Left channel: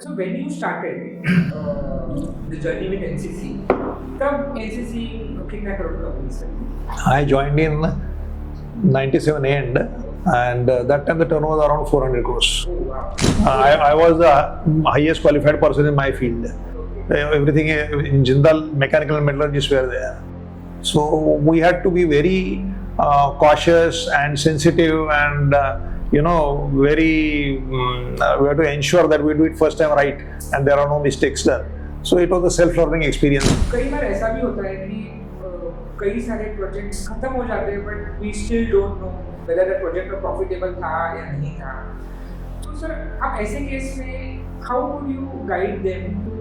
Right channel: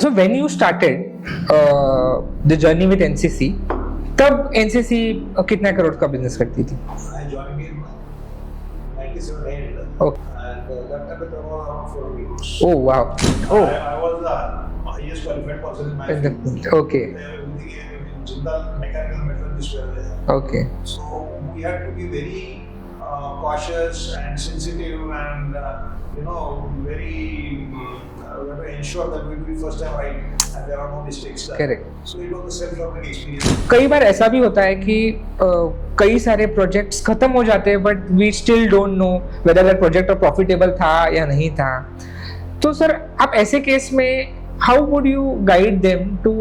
So when you started the journey with NCC, तब NCC कितना करोड़ का बिजनेस करती थी? I joined in 97 end, and that time the turnover was around 400 crores. Oh wow! I was the highest qualified person in my field. Okay. Everything in Jindal, mechanical and metallurgists were there. Okay. So we had to be very cautious and sensitive, and very. We had to ensure that we do it first time right, and there are no mistakes done. Correct. So it was a self-learning experience. कई बार ऐसा भी होता है कि कई सारे projects खत्म हो जाते हैं, but we still don't know whether that project profitable था या नहीं था. तो सर आप ऐसे केस में how would you guide them to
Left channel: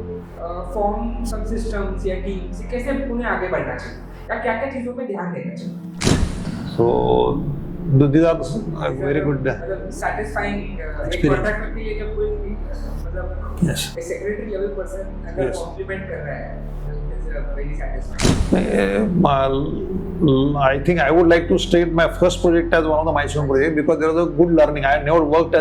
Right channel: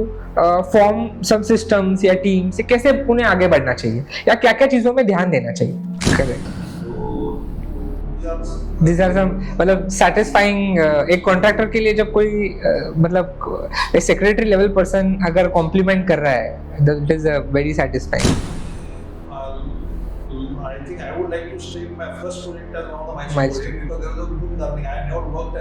form sub systems या टीम्स, कैसे उन्हें आगे बढ़ना चाहिए या क्या क्या चीजों में ध्यान देना चाहिए? So these are मतलब satisfying एक कॉन्ट्रैक्टर के लिए जब कोई मतलब एक सेक्रेटरी लेवल पर्सन अगर कॉम्प्लीमेंट कर रहा है, that is very satisfying. I think I would like to state my first project as one of the milestone projects because there was a good learning. I had never worked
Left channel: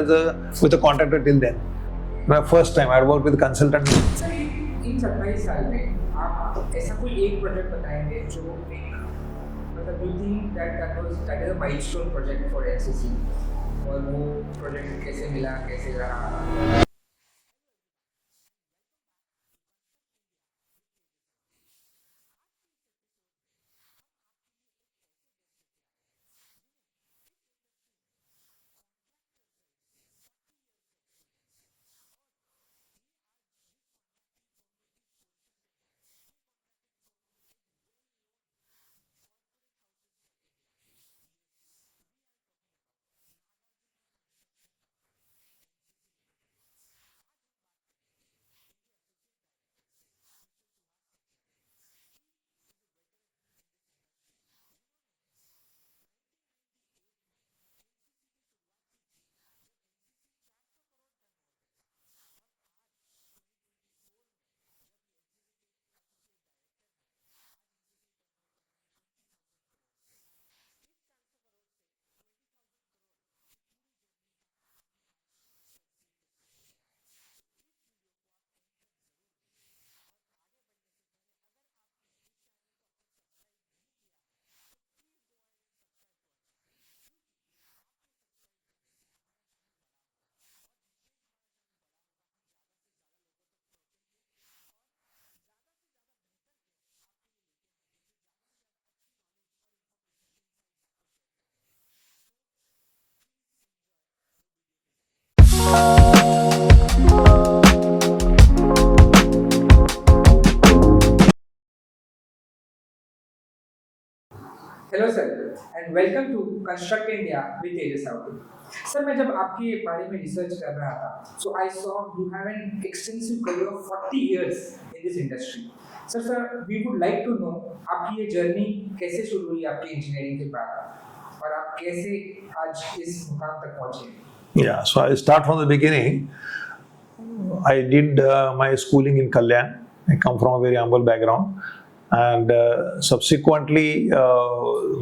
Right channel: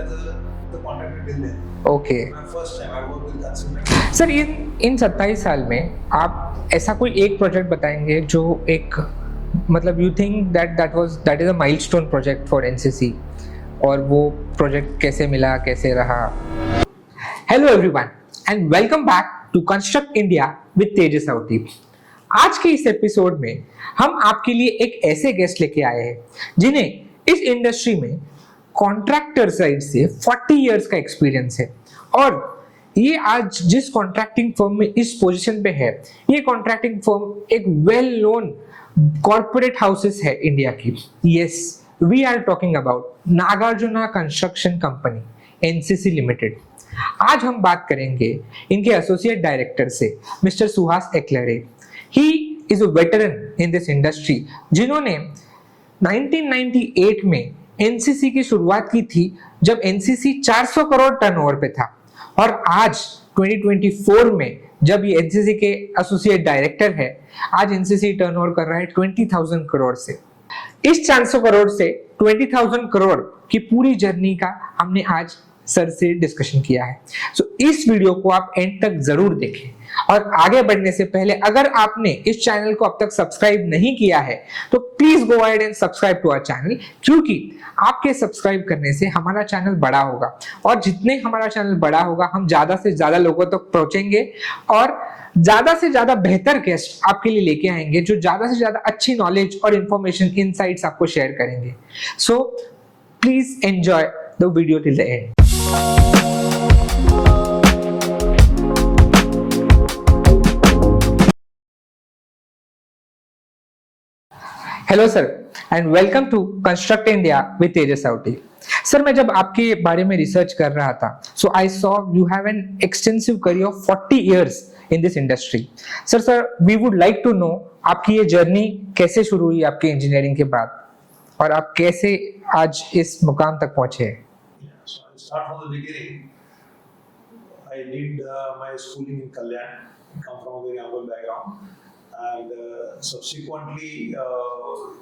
with a contractor till then. Okay. My first time I worked with a consultant. Sir इन 27 साल में आप ऐसा कोई एक project बताएंगे जो एक मतलब you think that is a milestone project for NCC, और वो प्रोजेक्ट कैसे मिला, कैसे रहा? Hello everyone and welcome back to construct India with Tejas आउटी. आज के इस एपिसोड में हम आपके लिए एक ऐसे गेस्ट लेके आए हैं जिन्हें इस इंडस्ट्री में कॉन्ट्रैक्टर साइड से 40 इयर्स का एक्सपीरियंस है, और ये आज जिस कॉन्ट्रैक्टिंग फर्म में इस पोजीशन पे है, ये कॉन्ट्रैक्टिंग फर्म एक वेल नोन कॉर्पोरेट हाउसेस है इंडिया की. Yes, we are talking about Nagarjuna construction company NCC limited. आज हम बात करेंगे इनके एसोसिएट डायरेक्टर से, mister Suhas Ekalare. He is a veteran in this industry जिन्होंने 1998 में एनसीसी की शुरुआत की थी जब एनसीसी 400 करोड़ टर्नओवर पे था, और आज 2024 में जब ये एनसीसी के एसोसिएट डायरेक्टर है, आज एनसीसी टर्नओवर कर रहा है 20,000 करोड़ से. इस 400 करोड़ से 20,000 करोड़ की पूरी जर्नी का हमने आज सर से डिस्कशन किया है. सो इस वीडियो को आप एंड तक जरूर देखें, और आगे बढ़ने से पहले अगर आपने इस चैनल को अब तक सब्सक्राइब नहीं किया है तो please go ahead and subscribe to our channel, क्योंकि आपके सब्सक्राइब करने से हमारा चैनल बड़ा होगा, और जितने हमारा चैनल बड़ा होगा हम ज्यादा से ज्यादा लोगों तक पहुंचेंगे और ज्यादा से ज्यादा बेहतर गेस्ट आपके लिए लेके आएंगे जो ज्यादा से ज्यादा अच्छी नॉलेज और इंफॉर्मेशन, इनसाइट्स आपको शेयर करेंगे. So please enjoy the video till the end. Hello sir and welcome to construct India with Tejas Auti. Sir मैं जब आपके बारे में रिसर्च कर रहा था, so I saw you have an extensive career of 40 years in this industry. Sir we would like to know आपकी ये जर्नी कैसे शुरू हुई आपकी इंजीनियरिंग के बाद, और आप कैसे आज इस मुकाम तक पहुंचे? Yeah, so I start from the beginning. I did my schooling in Kalyan. I come from a very humble background. And subsequently,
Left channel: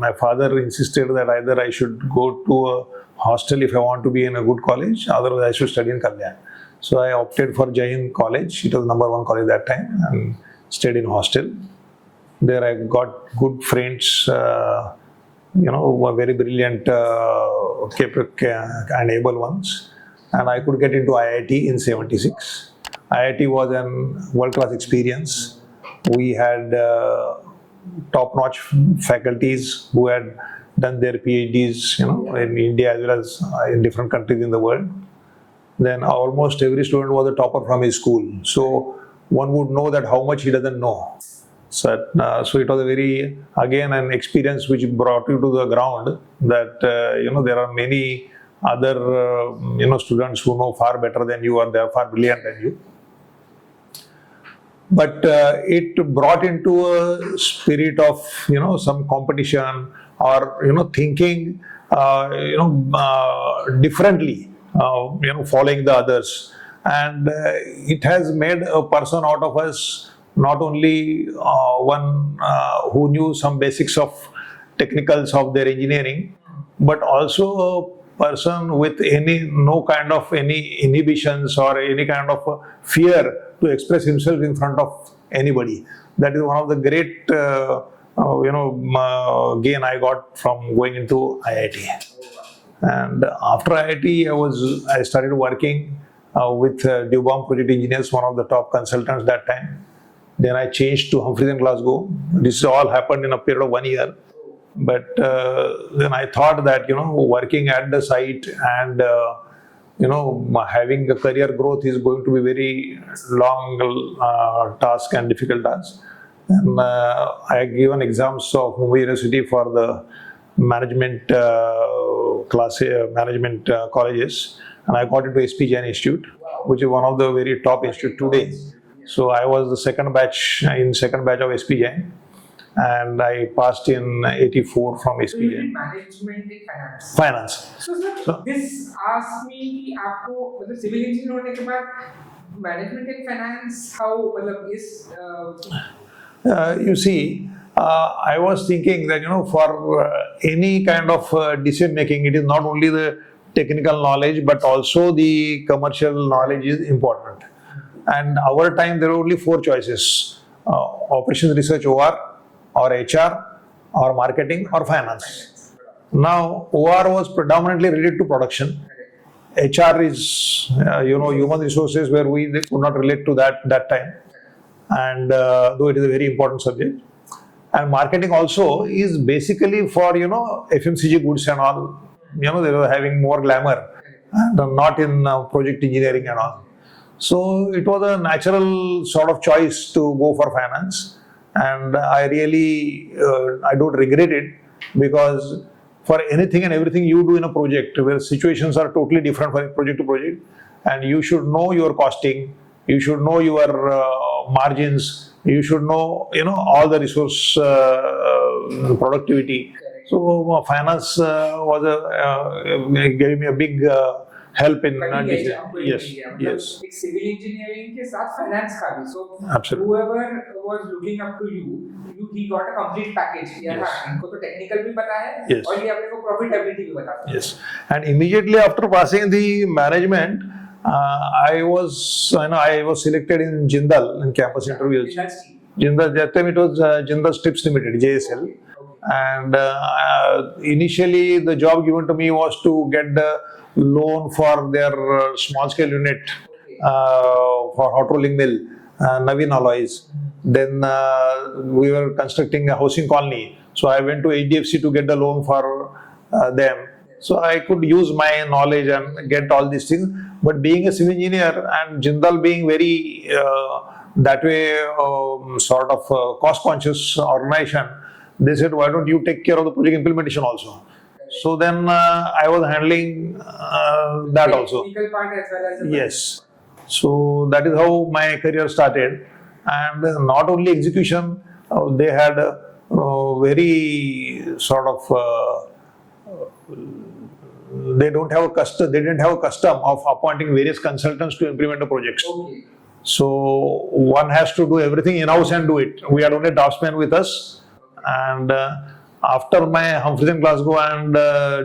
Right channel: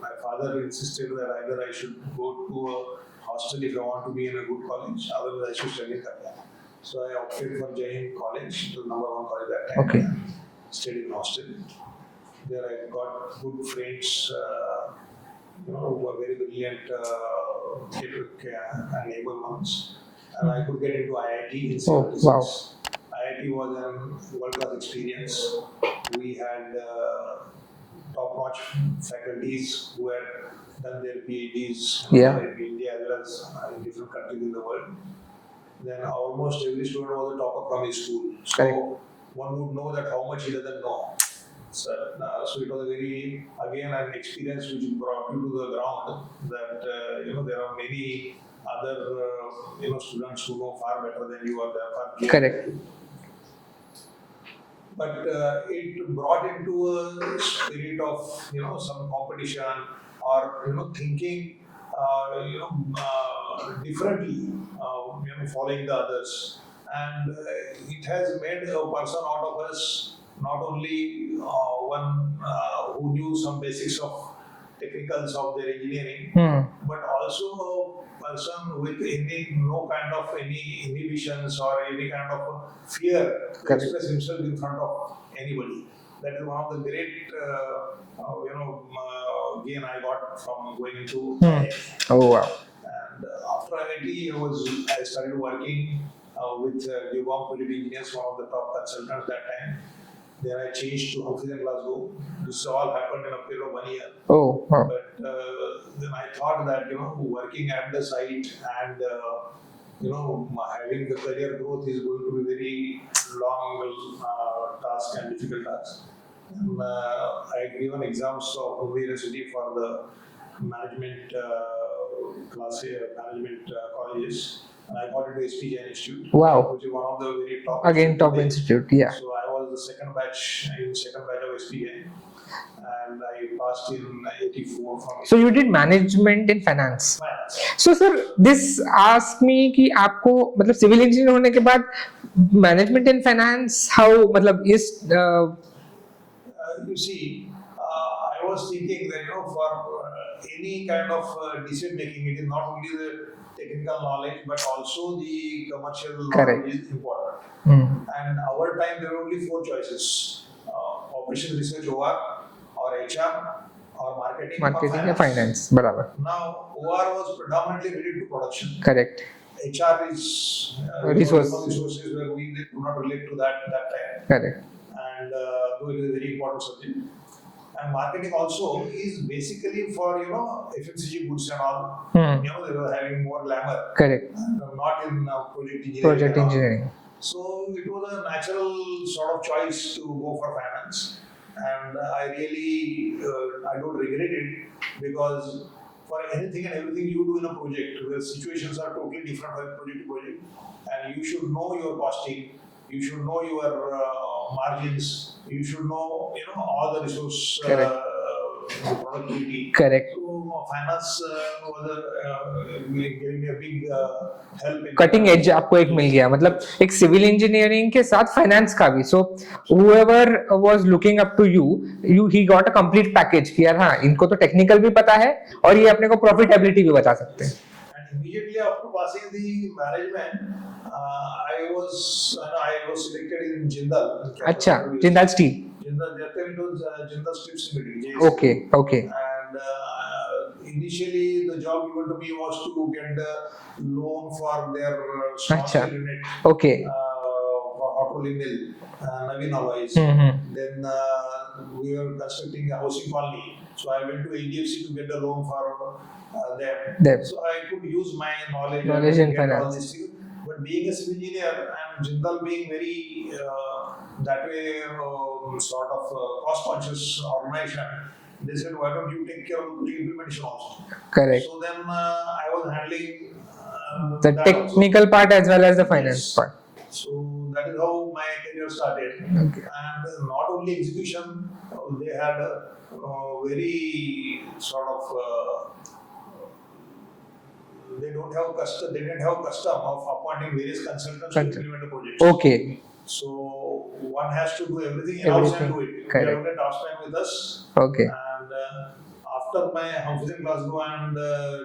my father insisted that either I should go to a hostel if I want to be in a good college, otherwise I should study in Kalyan. So I opted for Jain College. It was number 1 college that time. Okay. And stayed in hostel. There I got good friends, who were very brilliant, and able ones. And I could get into IIT in 76. Oh, wow. IIT was a world-class experience. We had top-notch faculties who had done their PhDs in India as well as in different countries in the world. Then almost every student was a topper from his school. So one would know that how much he doesn't know. So it was a very, again, an experience which brought you to the ground that, there are many other, students who know far better than you, or they are far brilliant than you. But it brought into a spirit of, some competition or, thinking, differently, following the others. And it has made a person out of us, not only one who knew some basics of technicals of their engineering, but also a person with no kind of any inhibitions or any kind of fear to express himself in front of anybody. That is one of the great gain I got from going into IIT. Oh wow. And after IIT, I started working with Dewbaum Project Engineers, one of the top consultants that time. Then I changed to Humphreys and Glasgow. This all happened in a period of 1 year. Oh, wow. But then I thought that working at the site and having a career growth is going to be very long task and difficult task. And I had given exams of Mumbai University for the management colleges, and I got into SP Jain Institute, Wow. which is one of the very top institute top today. institute, yeah. So I was the second batch of SP Jain, and I passed in 84 from SP So you Jain. did management in finance. Finance. So sir, this asked me कि आपको मतलब civil engineer होने के बाद management in finance how मतलब इस You see, I was thinking that for any kind of decision making, it is not only the technical knowledge but also the commercial knowledge is important. And our time there were only 4 choices: operations research (OR), or HR, or marketing or finance. बराबर. Now OR was predominantly related to production. Correct. HR is human resources, where we could not relate to that time. Correct. And though it is a very important subject. And marketing also is basically for FMCG goods and all. They were having more glamour. Correct. And not in project engineering and all. So it was a natural sort of choice to go for finance, and I really I don't regret it, because for anything and everything you do in a project where situations are totally different from project to project, and you should know your costing, you should know your margins, you should know all the resource productivity. Correct. So finance gave me a big help in cutting edge आपको एक मिल गया मतलब एक civil engineering के साथ finance का भी. सो whoever was looking up to you he got a complete package कि यार हाँ इनको तो टेक्निकल भी पता है और ये अपने को प्रॉफिटेबिलिटी भी बता सकते हैं. And immediately after passing the management, I was selected in Jindal in campus interviews. Jindal Steel. Jindal, that time it was Jindal Strips Limited, JSL. Okay. And initially the job given to me was to get the loan for their small scale unit. Okay. For hot rolling mill, Navin Alloys. Then we were constructing a housing colony. So I went to HDFC to get the loan for them. So I could use my knowledge and get all these things. But being a civil engineer and Jindal being very that way sort of cost conscious organization, they said, why don't you take care of the project implementation also? Correct. So then I was handling the that technical also. Part as well as the finance part. So that is how my career started. And not only execution, they had very sort of they didn't have a custom of appointing various consultants to implement the projects. Okay. So one has to do everything in-house and do it. We had only draftsmen with us. Okay. And after my Humphreys and Glasgow and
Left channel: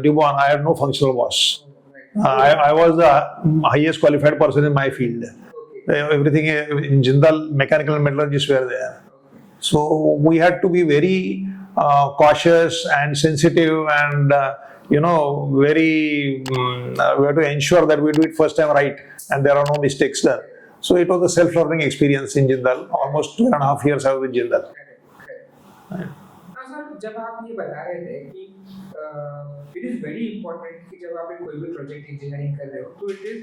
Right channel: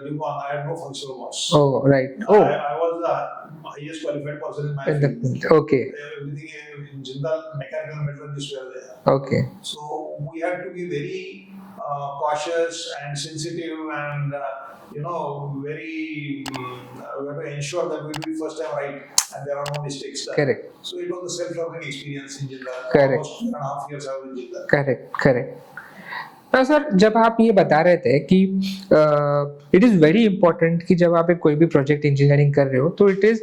Dewbaum, I had no functional boss. Oh, right. I was the highest qualified person in my field. Okay. Everything in Jindal, mechanical and metallurgists were there. Okay. So we had to be very cautious and sensitive and very we have to ensure that we do it first time right and there are no mistakes done. Correct. So it was a self-learning experience in Jindal. Almost 2.5 years I was with Jindal. Correct. तो sir जब आप ये बता रहे थे कि it is very important कि जब आप एक कोई भी प्रोजेक्ट इंजीनियरिंग कर रहे हो तो it is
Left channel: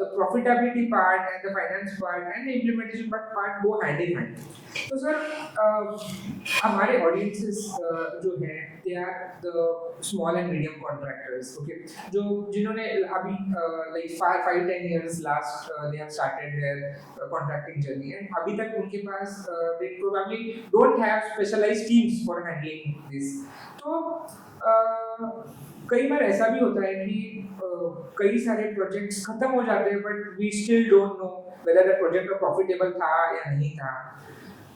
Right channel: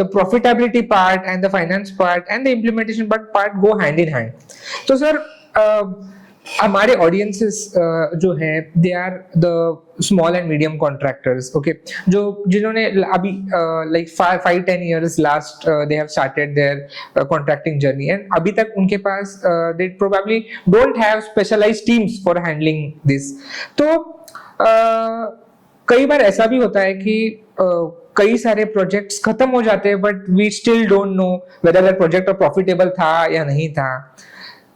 the profitability part and the finance part and the implementation part go hand in hand. तो सर हमारे ऑडियंसेस जो हैं they are the small and medium contractors. Okay, जिन्होंने अभी like 5-10 years last they have started their contracting journey and अभी तक उनके पास they probably don't have specialised teams for handling this. तो कई बार ऐसा भी होता है कि कई सारे प्रोजेक्ट्स खत्म हो जाते हैं but we still don't know whether that project profitable था या नहीं था.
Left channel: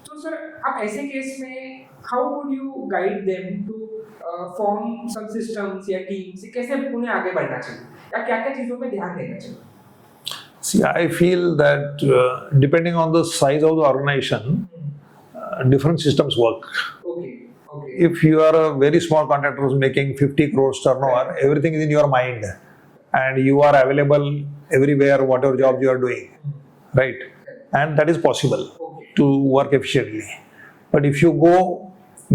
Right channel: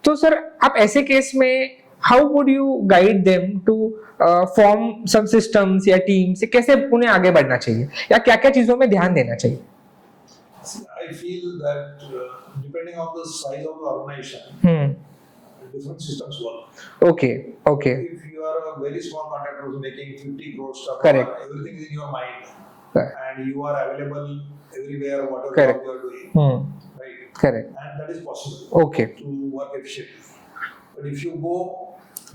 तो सर आप ऐसे केस में how would you guide them to form sub systems या टीम्स, कैसे उन्हें आगे बढ़ना चाहिए या क्या क्या चीजों में ध्यान देना चाहिए? See, I feel that depending on the size of the organization, different systems work. Okay, okay. If you are a very small contractor who's making 50 crores turnover, Correct. everything is in your mind, Correct. and you are available everywhere, whatever Correct. job you are doing, right? Correct. And that is possible Okay. to work efficiently. But if you go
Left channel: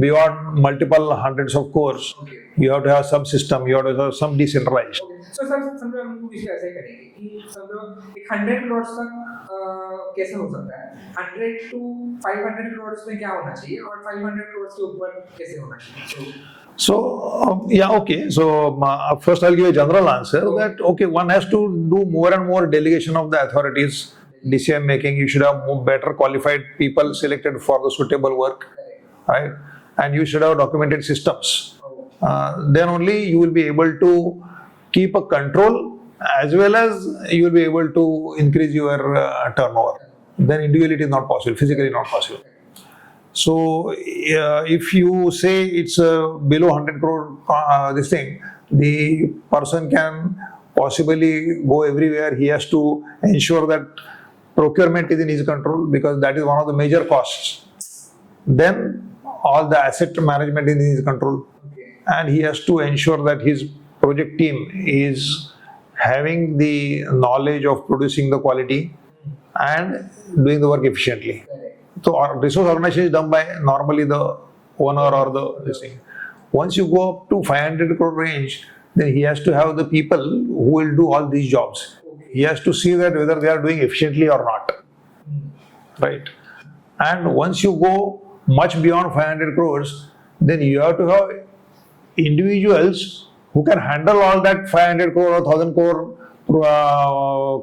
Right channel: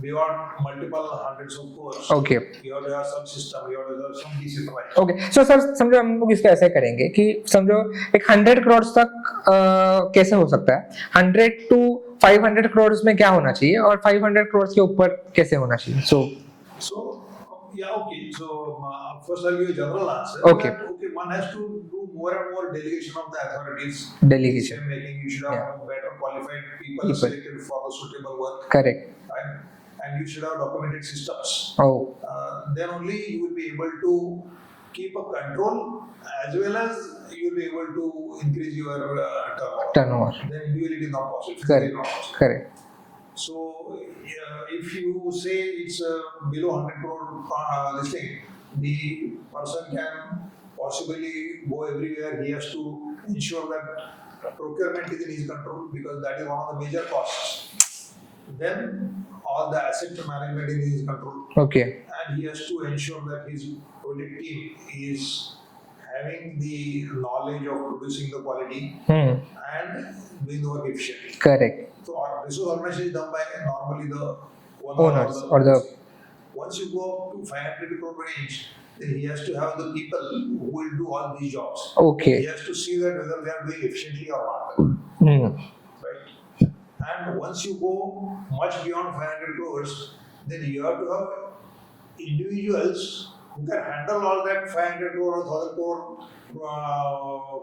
beyond multiple hundreds of crores, Okay. you have to have some system, you have to have some decentralized. Okay so sir समझो हम लोग इसको ऐसे करेंगे कि समझो एक 100 करोड़ तक कैसे हो सकता है, 100 to 500 करोड़ में क्या होना चाहिए और 500 करोड़ के ऊपर कैसे होना चाहिए? So yeah, okay. So first I'll give a general answer. Okay. That okay, one has to do more and more delegation of the authorities. Decision making. You should have better qualified people selected for the suitable work. Correct. Right. And you should have documented systems. Oh. Then only you will be able to keep a control, as well as you will be able to increase your turnover. Then individually it is not possible. Physically not possible. Correct. So if you say it's below 100 crore this thing, the person can possibly go everywhere. He has to ensure that procurement is in his control, because that is one of the major costs. Then all the asset management is in his control. Okay. And he has to ensure that his project team is having the knowledge of producing the quality and doing the work efficiently. Correct. So resource organization is done by normally the owner or the thing. Once you go up to 500 crore range, then he has to have the people who will do all these jobs. Okay. He has to see that whether they are doing efficiently or not. Right. And once you go much beyond 500 crores, then you have to have individuals who can handle all that 500 crore or 1000 crore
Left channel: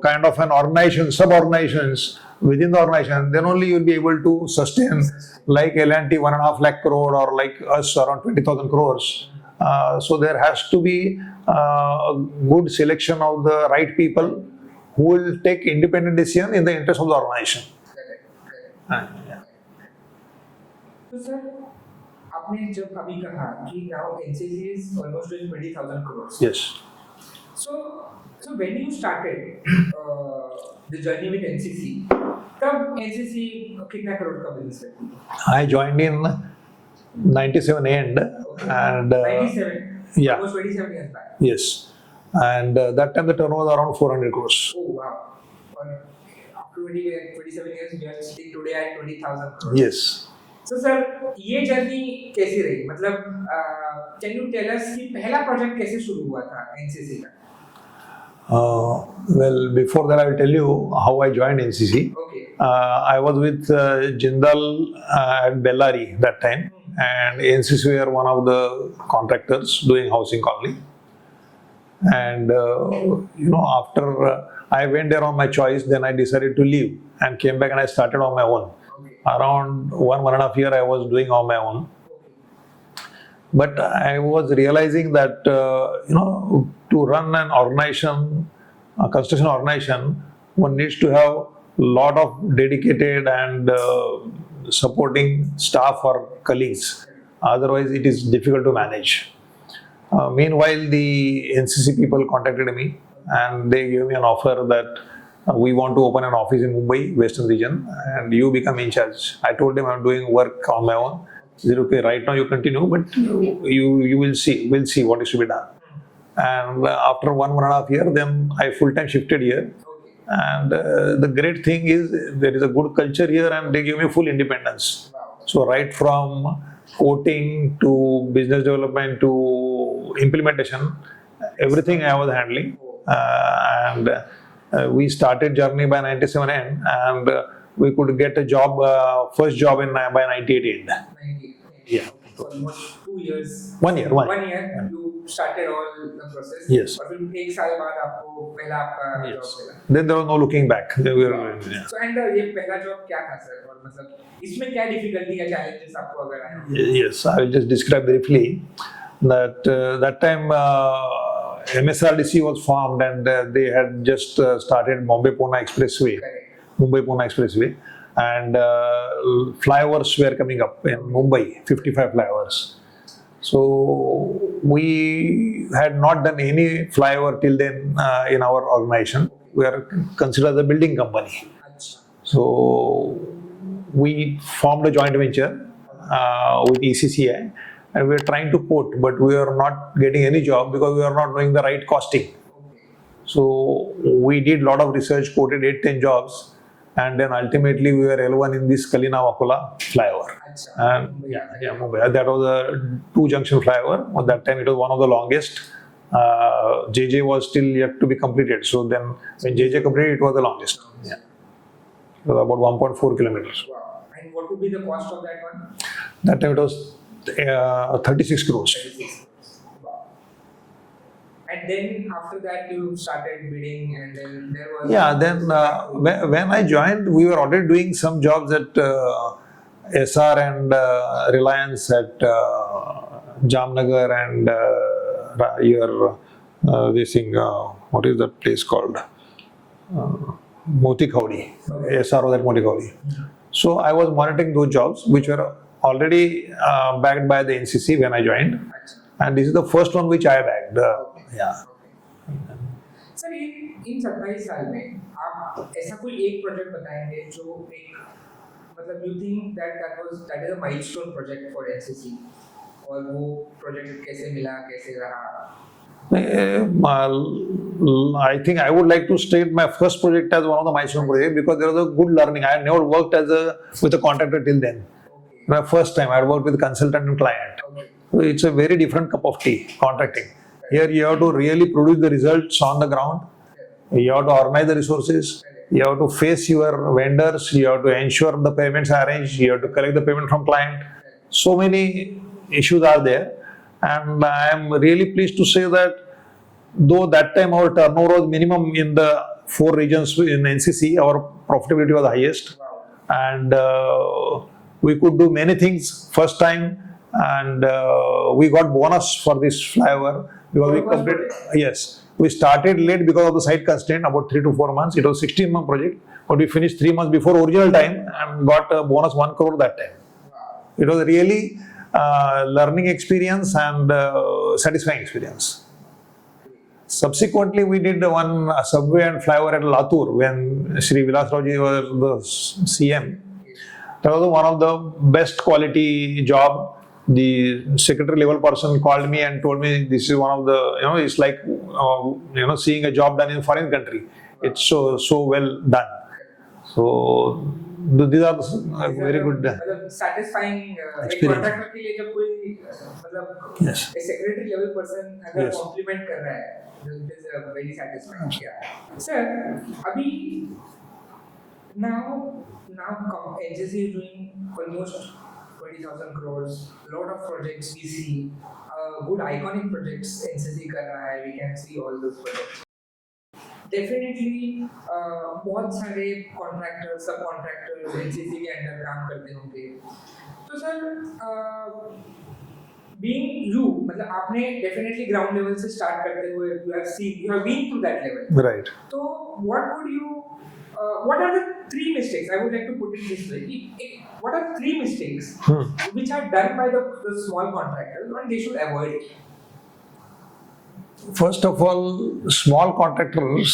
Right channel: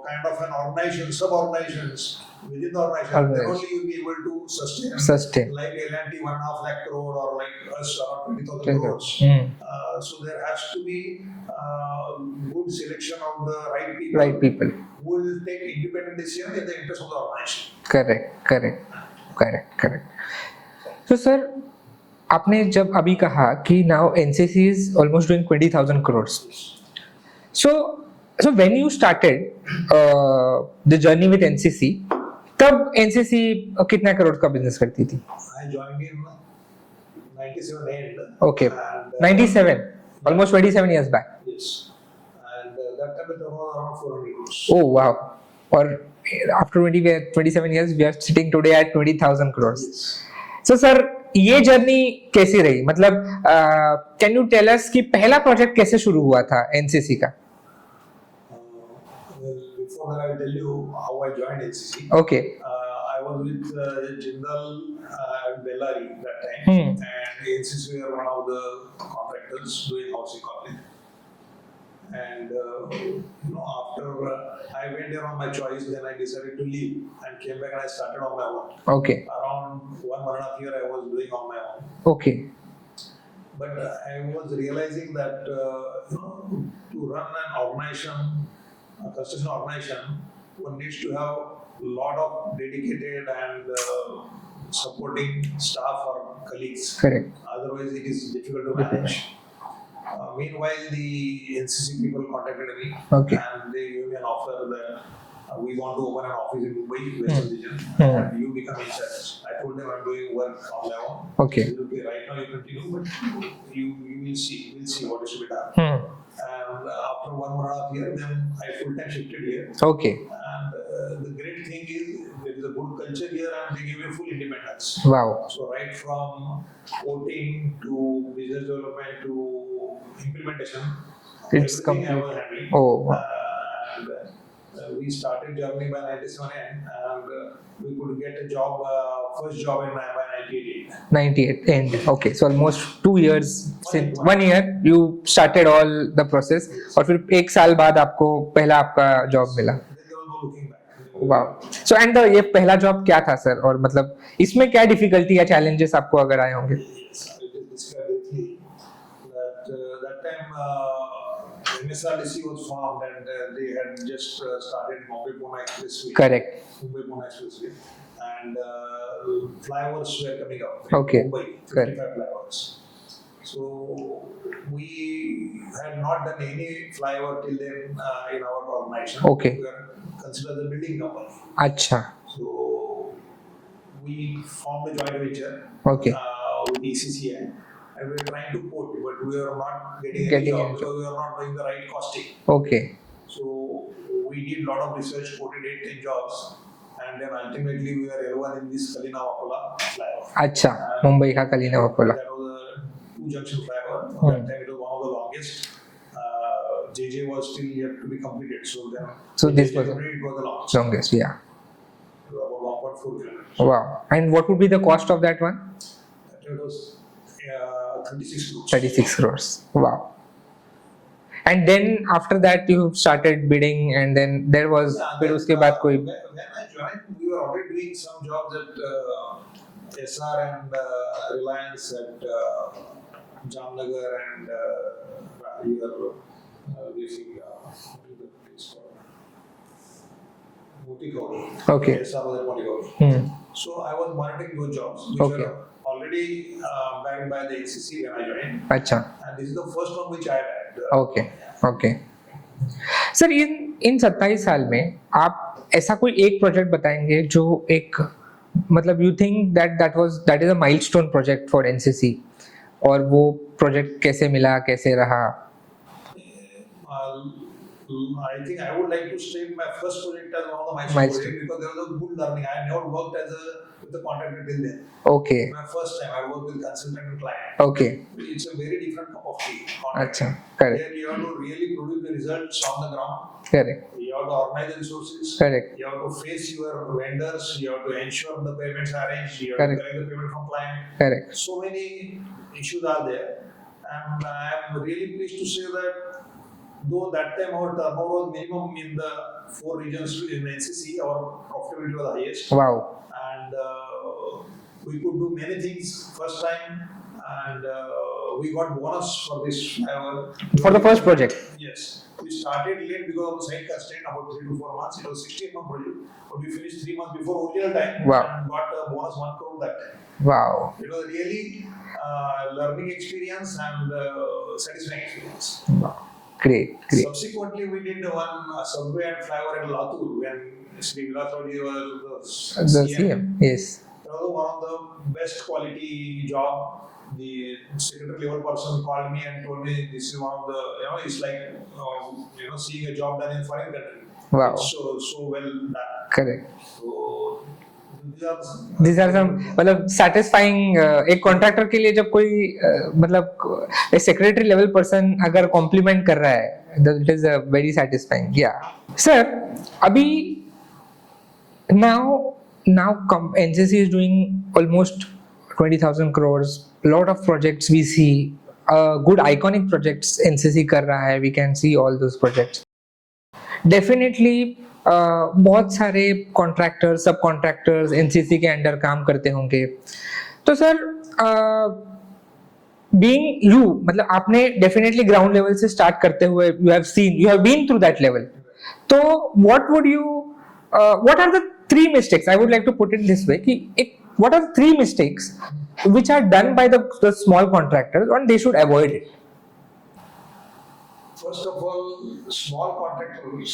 kind of an organization, sub-organizations within the organization. Then only you will be able to sustain. Like L&T 1.5 lakh crore, or like us around 20,000 crores. So there has to be a good selection of the right people who will take independent decision in the interest of the organization. Correct. So sir, आपने जब अभी कहा कि now NCC is almost doing 20,000 crores. Yes. So when you started the journey with NCC, तब NCC कितना करोड़ का business करती थी? I joined in 97 end. Okay. And 97. Yeah. Almost 27 years back. Yes. And that time the turnover was around 400 crores. Oh wow. Or after 27 years, we are sitting today at 20,000 crores. Yes. So sir, ये journey कैसी रही? मतलब can you tell us कि पहला project कैसे शुरू हुआ था NCC का? Well, before that I will tell you how I joined NCC. Okay. I was with Jindal at Bellary that time, and NCC were one of the contractors doing housing colony. And after I went there on my choice, then I decided to leave and came back and I started on my own. Okay. Around 1.5 years I was doing on my own. Okay. But I was realizing that to run an organization, a construction organization, one needs to have a lot of dedicated and supporting staff or colleagues. Correct. Otherwise it is difficult to manage. Meanwhile, the NCC people contacted me, and they gave me an offer that we want to open an office in Mumbai, Western region, and you become in charge. I told them I'm doing work on my own. Okay. They said, okay, right now you continue, but you will see. We'll see what is to be done. And after 1.5 years, then I full-time shifted here. Okay. And the great thing is there is a good culture here, and they give me full independence. Wow. So right from quoting to business development to implementation, everything I was handling. Oh. And we started journey by 97 end, and we could get a job, first job by 98 end. 98 end. Okay, so almost 2 years. 1 year. 1 year you started all the process. Yes. और फिर एक साल बाद आपको पहला आपका job मिला. Then there was no looking back. Wow. So and ये पहला जॉब क्या था सर, और मतलब इसमें क्या डिफिकल्टी या चैलेंजेस आपको अगर आए होंगे? Yes, I will just describe briefly that that time MSRDC was formed, and they had just started Mumbai-Pune Expressway. Correct. Mumbai-Pune Expressway, and flyovers were coming up in Mumbai, 55 flyovers. So we had not done any flyover till then in our organization. Okay. We are considered as a building company. अच्छा. So we formed a joint venture Okay. with ECCI, and we are trying to quote, but we are not getting any job because we are not doing the right costing. Okay. So we did a lot of research, quoted 8-10 jobs, and then ultimately we were L1 in this Kalina-Wakola flyover. अच्छा. And- Mumbai का Kalina Yeah, Vakola. that was a 2-junction flyover. At that time, it was one of the longest. JJ was still yet to be completed. So then, So when this JJ was- completed, it was the longest. Longest, yeah. It was about 1.4 kilometers. Wow. And what would be the cost of that one? That time it was 36 crores. 36 crores. Wow. And then after that you started bidding, and then there was Yeah, then उसके बाद कोई when I joined, we were already doing some jobs at SR and Reliance at Jamnagar and this thing, what is that place called? Moti Khawdi. Okay. SR was at Moti Khawdi. So I was monitoring those jobs, which Okay. were already backed by the NCC when I joined. अच्छा. And this is the first one which I backed. Okay. Yeah. Okay. Sir इन 27 साल में आप ऐसा कोई एक project बताएंगे जो एक मतलब you think that is a milestone project for NCC, और वो प्रोजेक्ट कैसे मिला, कैसे रहा? I think I would like to state my first project as one of the milestone projects because there was a good learning. I had never worked with a contractor till then. Okay. My first time I had worked with consultant and client. Okay. So it's a very different cup of tea, contracting. अच्छा, correct. Here you have to really produce the results on the ground. Correct. You have to organize the resources. Correct. You have to face your vendors. You have to ensure the payments are arranged. You have Correct. to collect the payment from client. Correct. So many issues are there, and I am really pleased to say that though that time our turnover was minimum in the 4 regions in NCC, our profitability was highest, wow. and we could do many things first time, and we got bonus for this flyover. For the first project? Yes. We started late because of the site constraint, about 3 to 4 months. It was 16-month project, but we finished 3 months before original time. Wow. And got a bonus 1 crore that time. Wow. It was really learning experience and satisfying experience. Great. Subsequently, we did one subway and flyover at Latur when Shri Vilas Rauji was the CM. Yes. That was one of the best quality job. The secretary level person called me and told me this is one of the, it's like, seeing a job done in foreign country. Wow. It's so well done. Correct. So these are very some good. मतलब satisfying एक contractor के लिए जब कोई मतलब एक secretary level person अगर complement कर रहा है, it is very satisfying. Yeah. Sir अभी now NCC is doing almost 20,000 crores. Lot of projects we see, good iconic projects NCC कर रहा है. We can see all those projects. Definitely बहुत सारे कॉन्ट्रैक्टर्स, सब कॉन्ट्रैक्टर्स एनसीसी के under काम करते होंगे. तो सर बीइंग यू, मतलब आपने डेफिनेटली ग्राउंड लेवल से स्टार्ट करते हुए you have been through that level. Right. तो what are the 3 mistakes, I would like to put it this way, what are the 3 mistakes which are done by the small contractors and they should avoid it? First of all, small contractors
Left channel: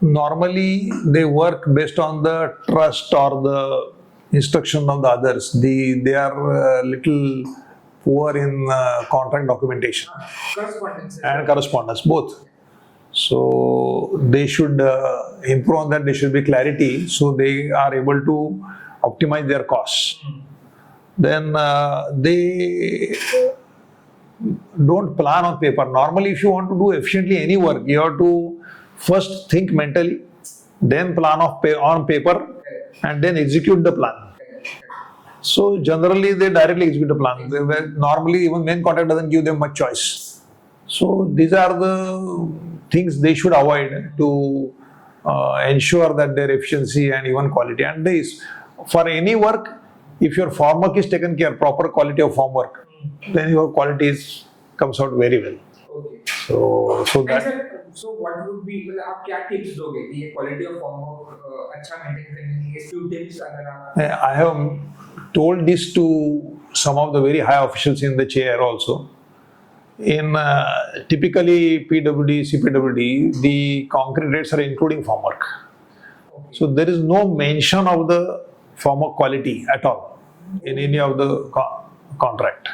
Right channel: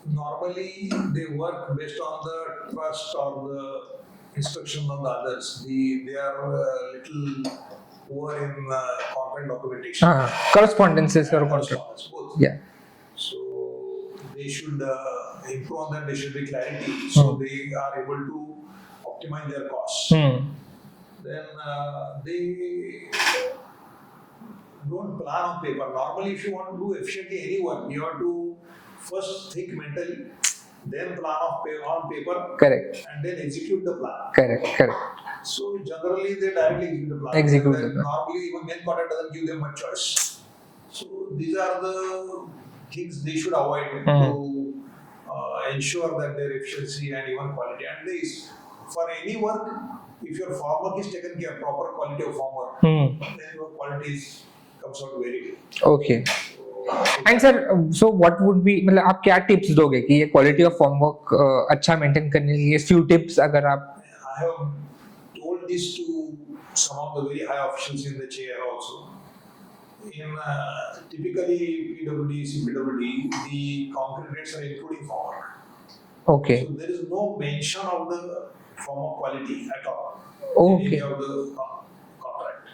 normally they work based on the trust or the instruction of the others. They are little poor in contract documentation Correspondences and correspondence both. Yeah. So they should improve on that. There should be clarity so they are able to optimize their costs. Then they don't plan on paper. Normally, if you want to do efficiently any work, you have to first think mentally, then plan on paper, Correct. and then execute the plan. Correct. So generally, they directly execute the plan. Execute. Normally, even main contract doesn't give them much choice. So these are the things they should avoid to ensure that their efficiency and even quality. And this, for any work, if your form work is taken care, proper quality of form work, then your quality comes out very well. Okay. So And that, sir, so what would be, मतलब आप क्या tips दोगे कि ये quality of form work अच्छा maintain करने के लिए few टिप्स अगर आप I have told this to some of the very high officials in the chair also. In typically PWD, CPWD, the concrete rates are including formwork. Okay. So there is no mention of the formwork quality at all in any of the contract.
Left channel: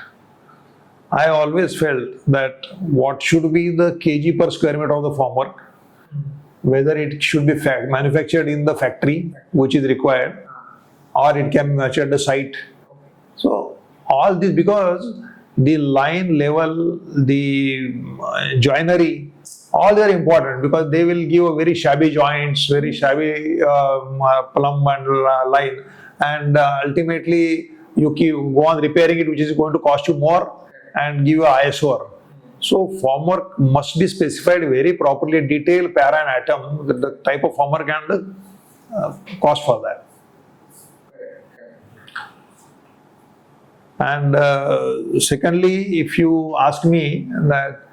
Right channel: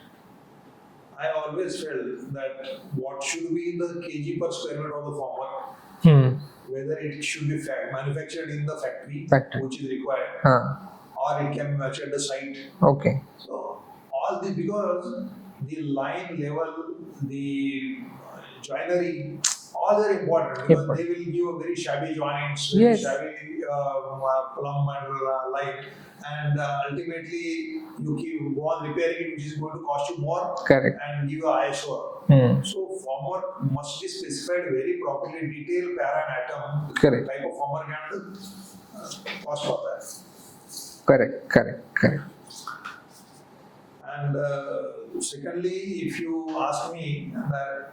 I always felt that what should be the kg per square meter of the formwork, whether it should be manufactured in the factory, which is required, or it can be manufactured at the site. Okay. So all this, because the line level, the joinery, all they are important, because they will give a very shabby joints, very shabby plumb and line, and ultimately you go on repairing it, which is going to cost you more. Correct. And give you a ISO. So formwork must be specified very properly, detailed para and atom, the type of formwork and the cost for that. Correct. And secondly, if you ask me, that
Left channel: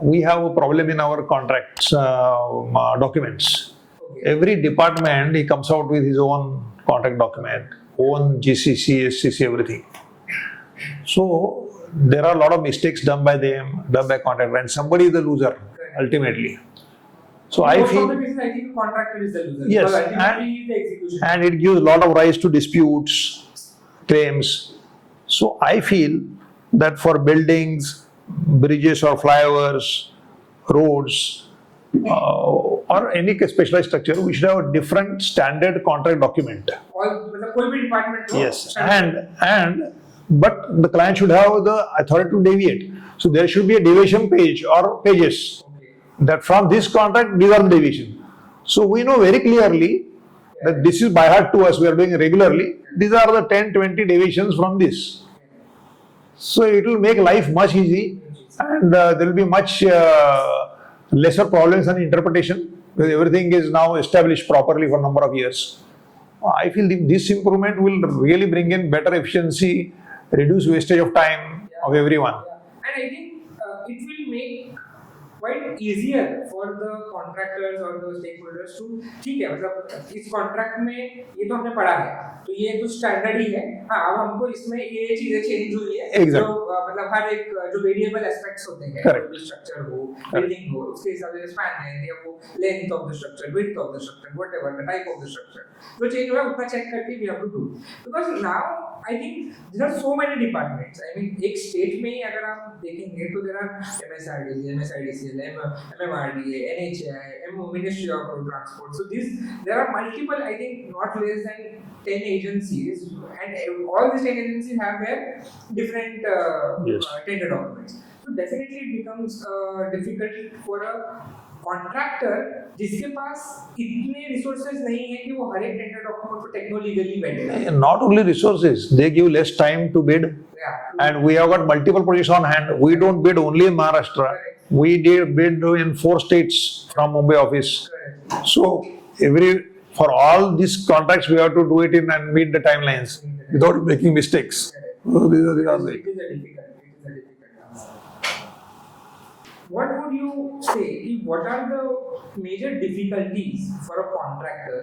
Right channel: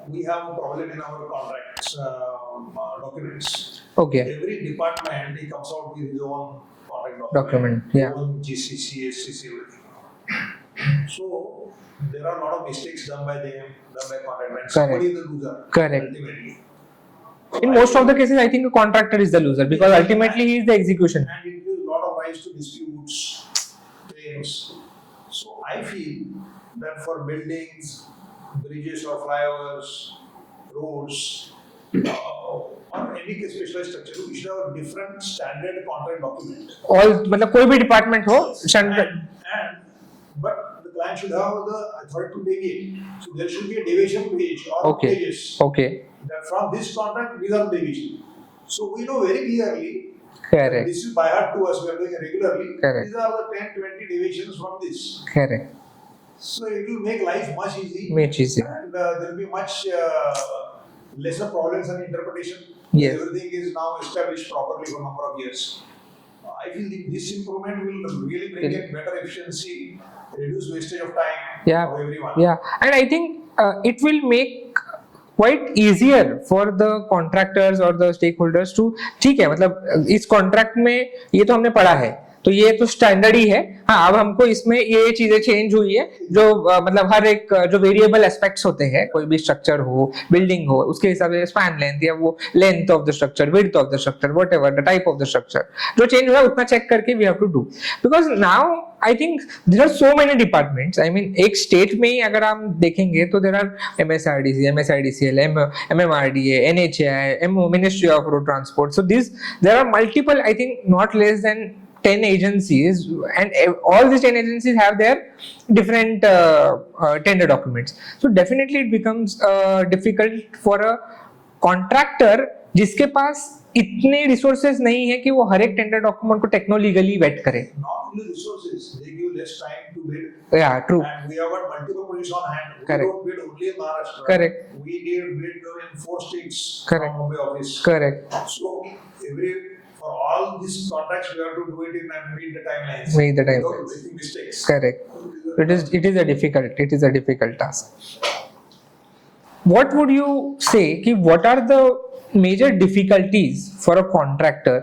we have a problem in our contracts documents. Okay. Every department, he comes out with his own contract document. Own GCC, SCC, everything. So there are a lot of mistakes done by them, done by contractor, and somebody is the loser ultimately. So in most of the cases, I think a contractor is the loser, because ultimately he is the execution. And it gives a lot of rise to disputes, claims. So I feel that for buildings, bridges or flyovers, roads, or any specialized structure, we should have a different standard contract document. All, मतलब कोई भी department हो. Yes. But the client should have the authority to deviate. So there should be a deviation page or pages. Okay. That from this contract, these are the deviation. So we know very clearly that this is by heart to us, we are doing regularly. These are the 10, 20 deviations from this. Correct. So it will make life much easy. And there will be much lesser problems and interpretation. Everything is now established properly for a number of years. I feel this improvement will really bring in better efficiency, reduce wastage of time of everyone. And I think it will make quite easier for the contractors or the stakeholders to, ठीक है, मतलब इस contract में ये तो हमने पढ़ा है, तो ये तो स्टैंडर्ड ही है, हाँ अब हमको इसमें ये चीजें चेंज हुई है, जो मतलब हर एक जो वेरिएबल एस्पेक्ट्स होते हैं, कोई भी स्ट्रक्चर हो, बिल्डिंग हो, उसके हिसाब से स्पैन लेंथ या वो length of the structure, width of the structure, whatever the type of the structure, जो चेंज हुआ उतना चेक करके we have to do, because now I think there are so many departments. I mean एक state में ही अगर हम देखेंगे तो देयर आर MSRDC, MSIDCL, MMRDA, NHAI, Ministry of Road Transport. So there are multiple, I think not less than 10 agencies, and all these 10 agencies have their different tender documents. So definitely it becomes difficult for a contractor जिसके पास इतने resources नहीं है कि वो हर एक tender document को techno-legally vet करे. Not only resources, they give less time to bid. Yeah, true. And we have got multiple projects on hand. We don't bid only in Maharashtra. Correct. We did bid in 4 states from Mumbai office. Correct. So for all these contracts, we have to do it in and meet the timelines without making mistakes. Correct. It is a difficult task. What would you say? What are the major difficulties for a contractor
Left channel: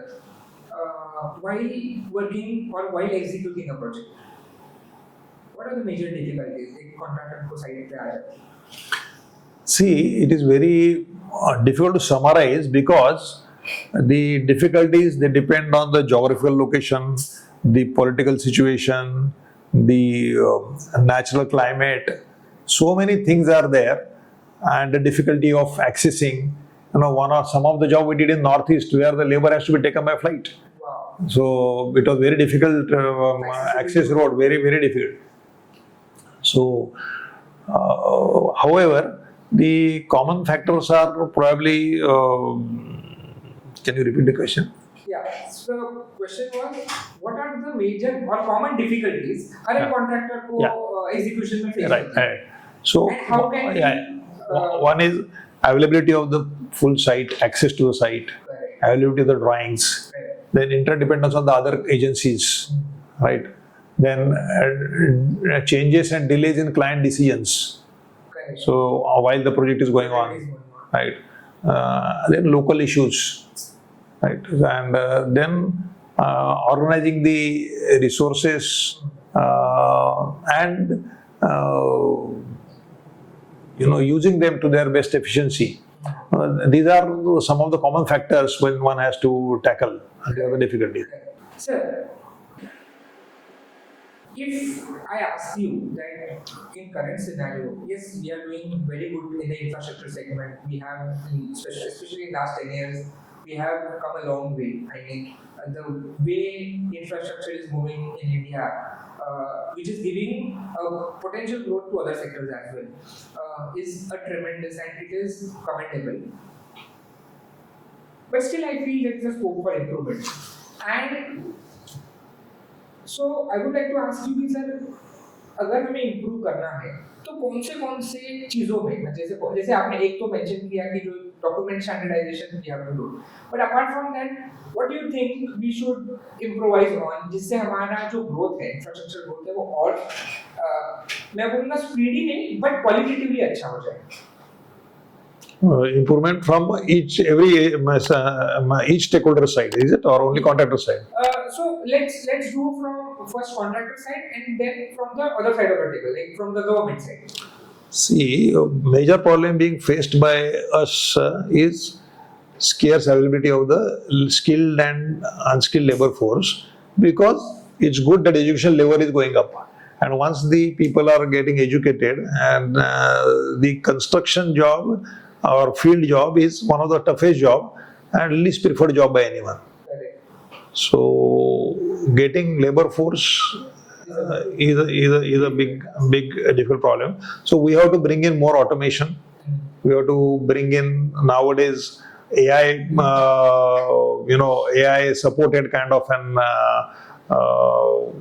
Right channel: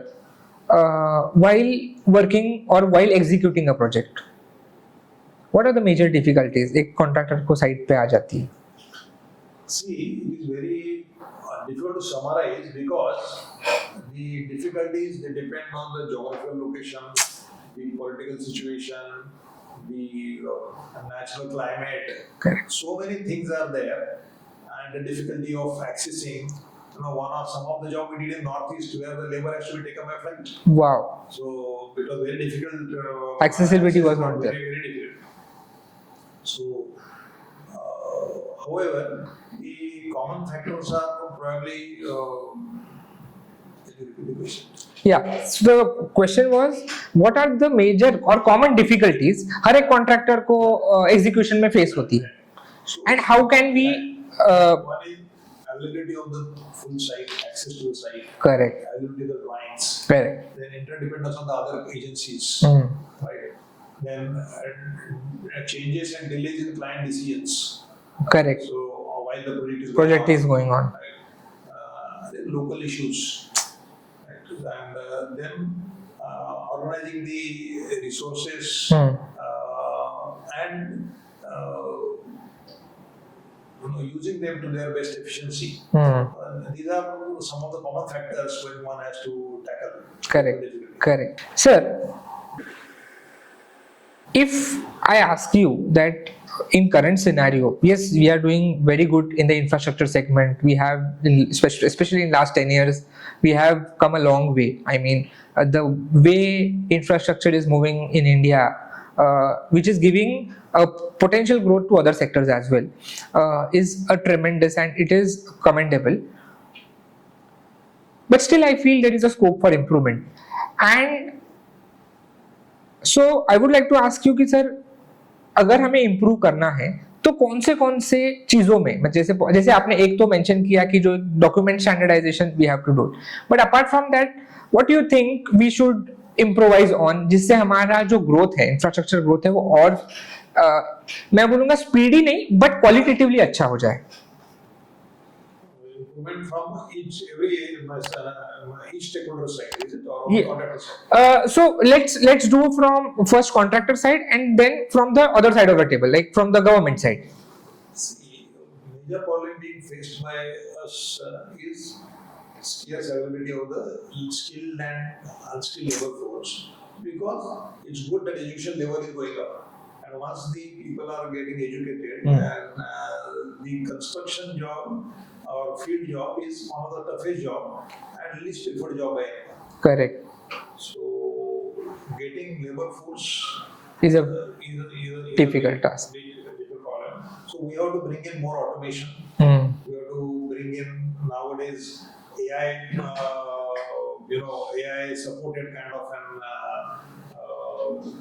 while working or while executing a project? What are the major difficulties एक contractor को site पे आ जाती है? See, it is very difficult to summarize, because the difficulties, they depend on the geographical location, the political situation, the natural climate. Correct. So many things are there, and the difficulty of accessing. Some of the job we did in Northeast, where the labor has to be taken by flight. Wow. So it was very difficult. Accessibility was road, very, very difficult. So, however, the common factors are probably. Can you repeat the question? Yeah. So the question was, what are the major or common difficulties हर एक contractor को execution में face होती है? So, and how can we? One is availability of the full site, access to the site. Correct. Availability of the drawings. Correct. Then interdependence on the other agencies. Right. Then changes and delays in client decisions. Correct. So while the project is going on. Right. Then local issues. Right. And then organizing the resources, and using them to their best efficiency. These are some of the common factors when one has to tackle the difficulty. Correct. Sir, if I ask you that in current scenario, yes, we are doing very good in the infrastructure segment. We have, especially in last 10 years, we have come a long way. I mean, the way infrastructure is moving in India, which is giving a potential growth to other sectors as well, is a tremendous, and it is commendable. But still, I feel there is a scope for improvement. And so I would like to ask you कि sir अगर हमें improve करना है तो कौन से चीज़ों में, जैसे आपने एक तो मेंशन किया कि जो document standardisation we have to do, but apart from that what you think we should improvise on, जिससे हमारा जो ग्रोथ है, इंफ्रास्ट्रक्चर ग्रोथ है, वो और मैं बोलूँगा स्पीडी नहीं बट क्वालिटेटिवली अच्छा हो जाए. Improvement from each stakeholder side, is it, or only contractor side? So let's do from first contractor side and then from the other side of the table, like from the government side. See, a major problem being faced by us is scarce availability of the skilled and unskilled labor force, because it's good that education level is going up. And once the people are getting educated, and the construction job or field job is one of the toughest job and least preferred job by anyone. Correct. So getting labor force is a big difficult problem. So we have to bring in more automation. We have to bring in nowadays AI, AI supported kind of an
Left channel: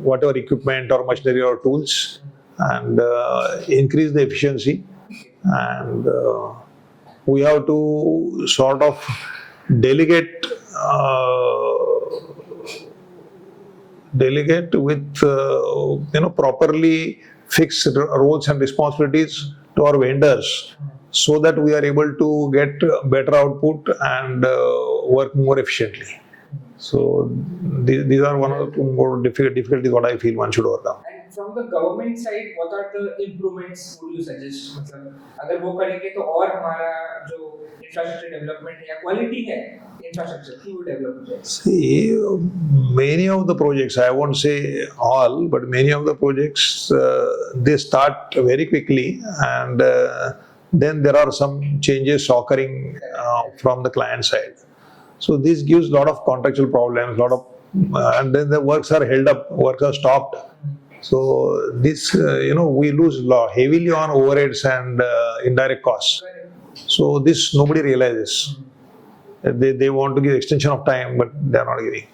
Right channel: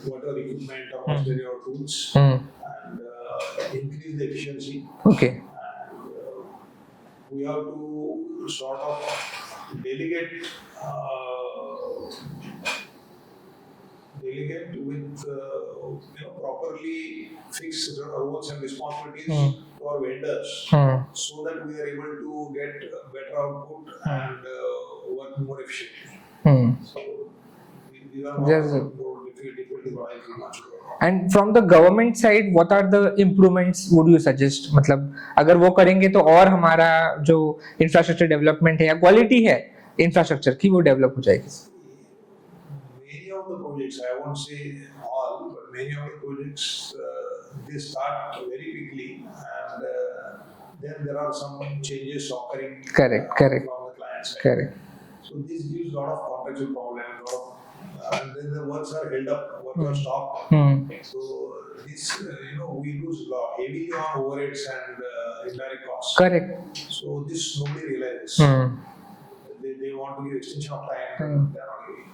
whatever equipment or machinery or tools, and increase the efficiency. Okay. And we have to sort of delegate with properly fix roles and responsibilities to our vendors, so that we are able to get better output and work more efficiently. So these are one of the more difficulties what I feel one should overcome. And from the government side, what are the improvements would you suggest? मतलब अगर वो करेंगे तो और हमारा जो infrastructure development है या quality है infrastructure की वो develop हो जाएगी. See, many of the projects, I won't say all, but many of the projects they start very quickly, and then there are some changes occurring from the client side. Correct. So this gives a lot of contractual problems, and then the works are held up, works are stopped. So this, we lose heavily on overheads and indirect costs. Correct. So this nobody realizes. They want to give extension of time, but they are not giving.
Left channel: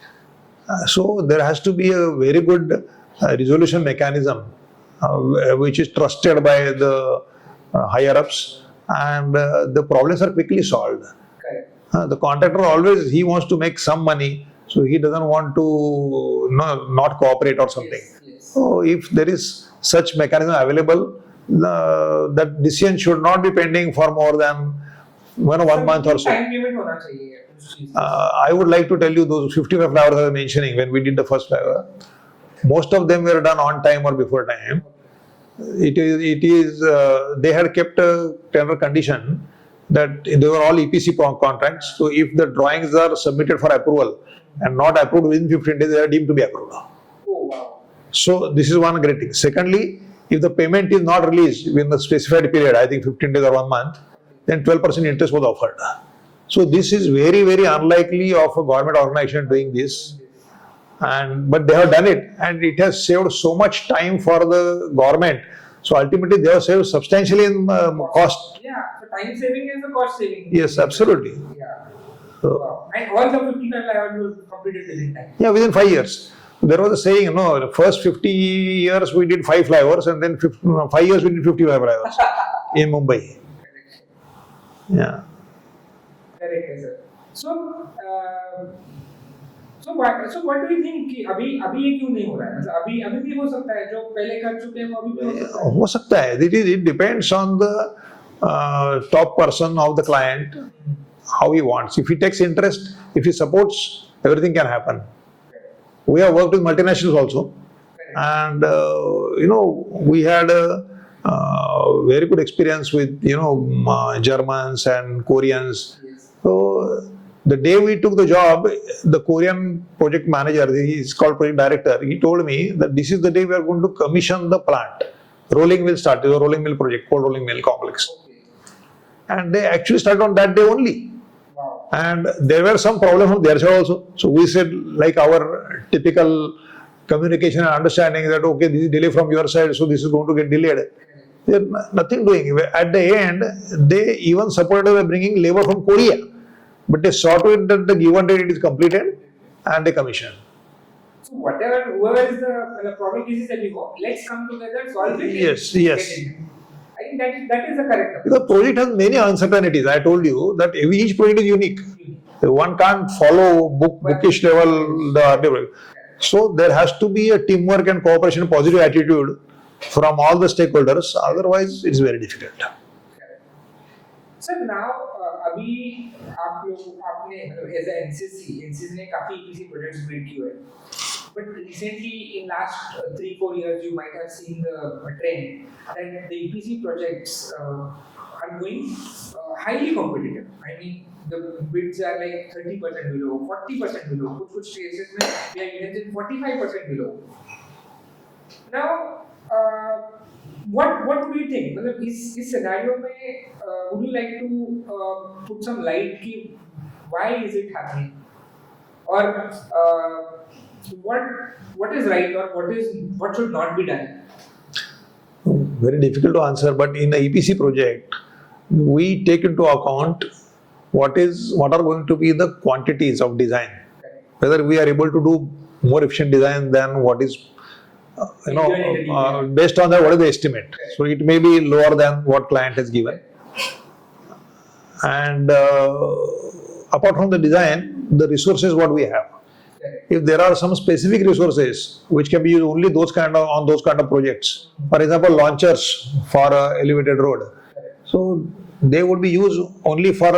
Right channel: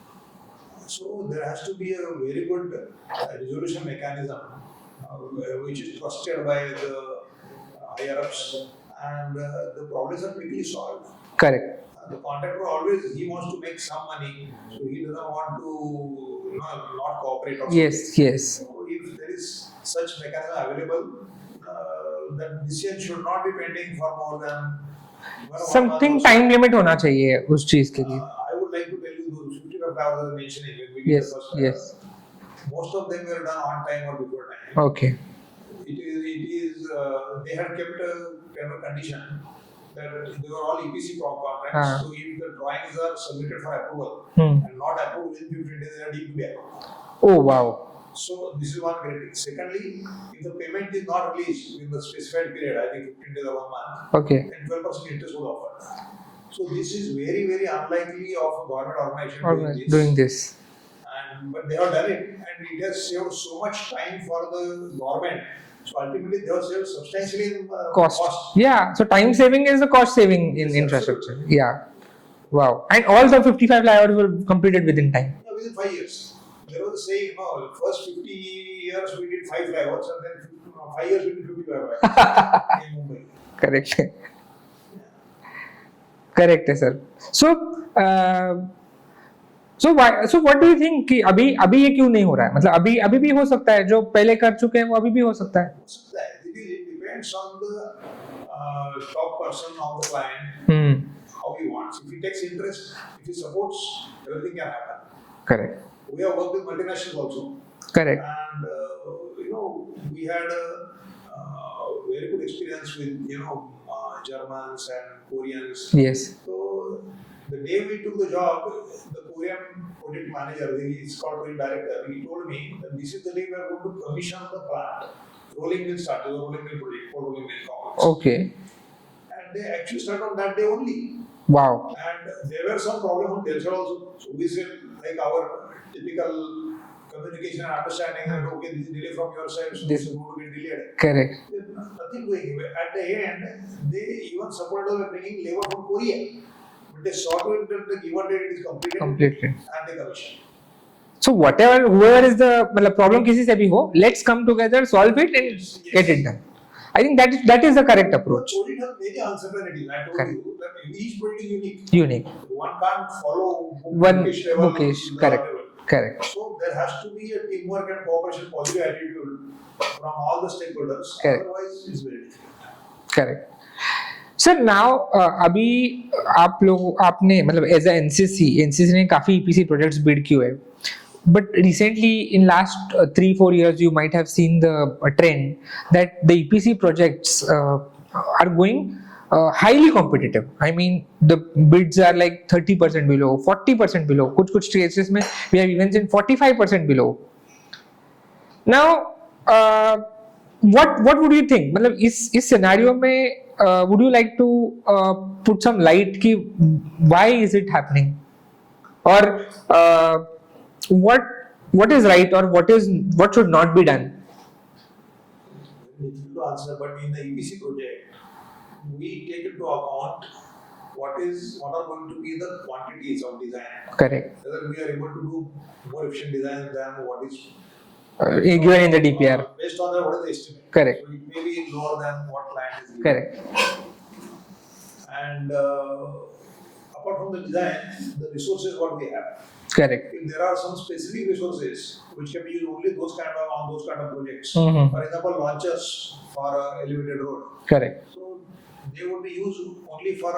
So there has to be a very good resolution mechanism, which is trusted by the higher ups, and the problems are quickly solved. Correct. The contractor always, he wants to make some money, so he doesn't want to not cooperate or something. Yes. So if there is such mechanism available, that decision should not be pending for more than 1 month or so. Time limit होना चाहिए उस चीज के लिए. I would like to tell you those 55 flowers I was mentioning when we did the first flower. Yes. Most of them were done on time or before time. Okay. It is they had kept a tender condition that they were all EPC contracts. So if the drawings are submitted for approval and not approved within 15 days, they are deemed to be approved. Oh wow. So this is one great thing. Secondly, if the payment is not released within the specified period, I think 15 days or 1 month, okay, then 12% interest was offered. So this is very, very unlikely of a government organization doing this. But they have done it, and it has saved so much time for the government. So ultimately, they have saved substantially in cost. Yeah. So time saving is the cost saving. Yes, absolutely. Yeah. Wow. And all the 55 flyovers were completed within time. Yeah, within 5 years. There was a saying, the first 50 years we did 5 flyovers, and then 5 years we did 55 flyovers in Mumbai. Correct. Yeah. Correct, sir. So what do you think कि अभी ये क्यों नहीं हो रहा है? मतलब अभी भी हो सकता है, जो पहले कर चुके हैं वो अभी भी हो सकता है. हो सकता है. It depends on the top person of the client, how he wants. If he takes interest, if he supports, everything can happen. Correct. We have worked with multinationals also. Correct. And we had a very good experience with Germans and Koreans. Yes. So the day we took the job, the Korean project manager, he is called project director, he told me that this is the day we are going to commission the plant. Rolling mill start. It was a rolling mill project, cold rolling mill complex. Okay. And they actually started on that day only. Wow. And there were some problems from their side also. So we said, like our typical communication and understanding that, okay, this is delay from your side, so this is going to get delayed. Correct. They're nothing doing. At the end, they even supported by bringing labor from Korea. But they saw to it that the given date it is completed. And they commissioned. So whoever is the problem kisi se bhi ho, let's come together, solve it, and get it done. I think that is the correct approach. The project has many uncertainties. I told you that each project is unique. One can't follow bookish level the Correct. So there has to be a teamwork and cooperation, positive attitude from all the stakeholders. Correct. Otherwise, it's very difficult. Correct. Sir, now अभी आप लोग आपने मतलब as a NCC ने काफी EPC projects bid किए हैं. But recently, in last 3-4 years, you might have seen the trend that the EPC projects are going highly competitive. I mean, the bids are like 30% below, 40% below. Kuch cases mein we have even seen 45% below. Now, what would you think? मतलब इस scenario में would you like to put some light कि why is it happening? Or what is right or what should not be done? Very difficult to answer, but in the EPC project, we take into account what are going to be the quantities of design. Correct. Whether we are able to do more efficient design than what is in the DPR. Based on that, what is the estimate? Correct. So it may be lower than what client has given. Correct. And apart from the design, the resources what we have. Correct. If there are some specific resources which can be used only on those kind of projects, for example, launchers for a elevated road. Correct. So they would be used only for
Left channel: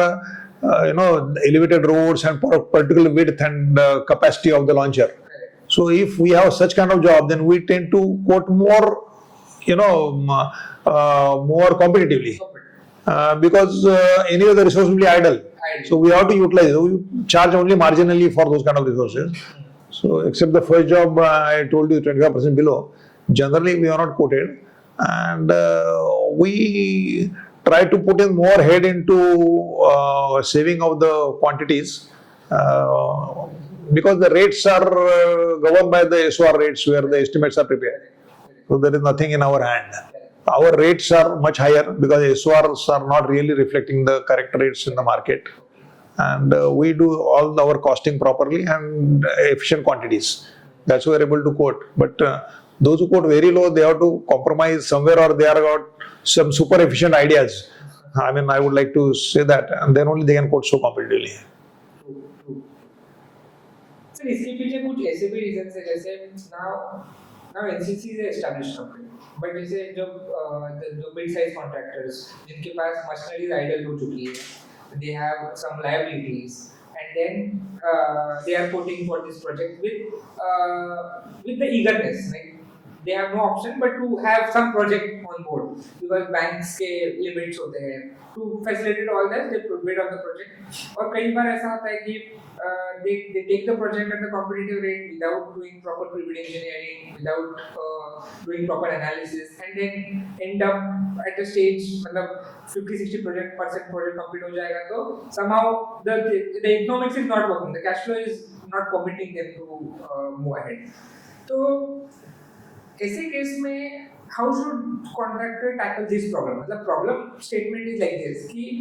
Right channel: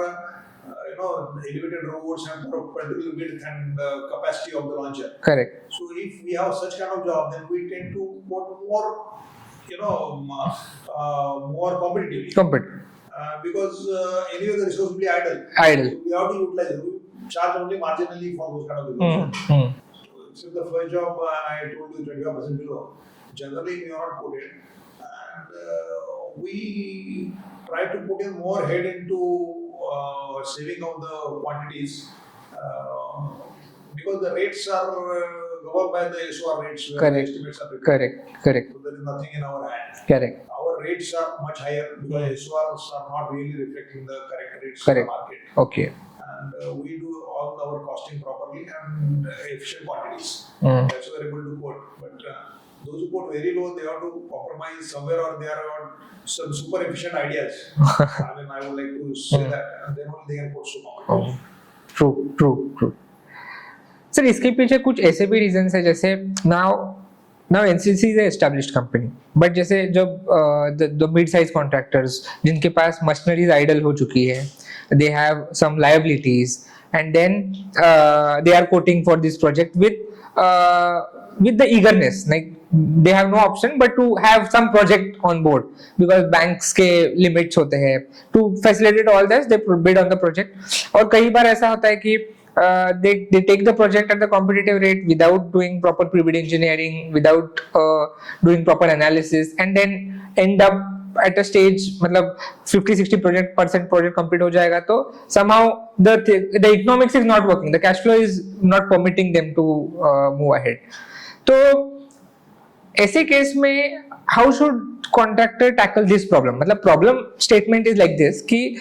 elevated roads and for a particular width and capacity of the launcher. Correct. So if we have such kind of job, then we tend to quote more, more competitively. Because any of the resources will be idle. So we have to utilize. We charge only marginally for those kind of resources. So except the first job I told you 25% below, generally we are not quoted, and we try to put in more head into saving of the quantities. Because the rates are governed by the SOR rates where the estimates are prepared. Correct. So there is nothing in our hand. Correct. Our rates are much higher because SORs are not really reflecting the correct rates in the market. Okay. And we do all our costing properly and efficient quantities. That's why we're able to quote. But those who quote very low, they have to compromise somewhere, or they are got some super efficient ideas. I mean, I would like to say that, and then only they can quote so competitively. True. Sir इसके पीछे कुछ ऐसे भी reasons है, जैसे now NCC is an established company, but जैसे जब the mid size contractors जिनके पास machineries idle हो चुकी है, they have some liabilities, and then they are quoting for this project with the eagerness, like they have no option but to have some project on board because banks के limits होते हैं. To facilitate all this, they bid on the project. और कई बार ऐसा होता है कि they take the project at the competitive rate without doing proper pre-bid engineering, without doing proper analysis, and then end up at a stage मतलब 50-60% project complete हो जाएगा, तो somehow the economics is not working, the cash flow is not permitting them to move ahead. तो ऐसे case में how should contractor tackle this problem? मतलब problem statement is like this कि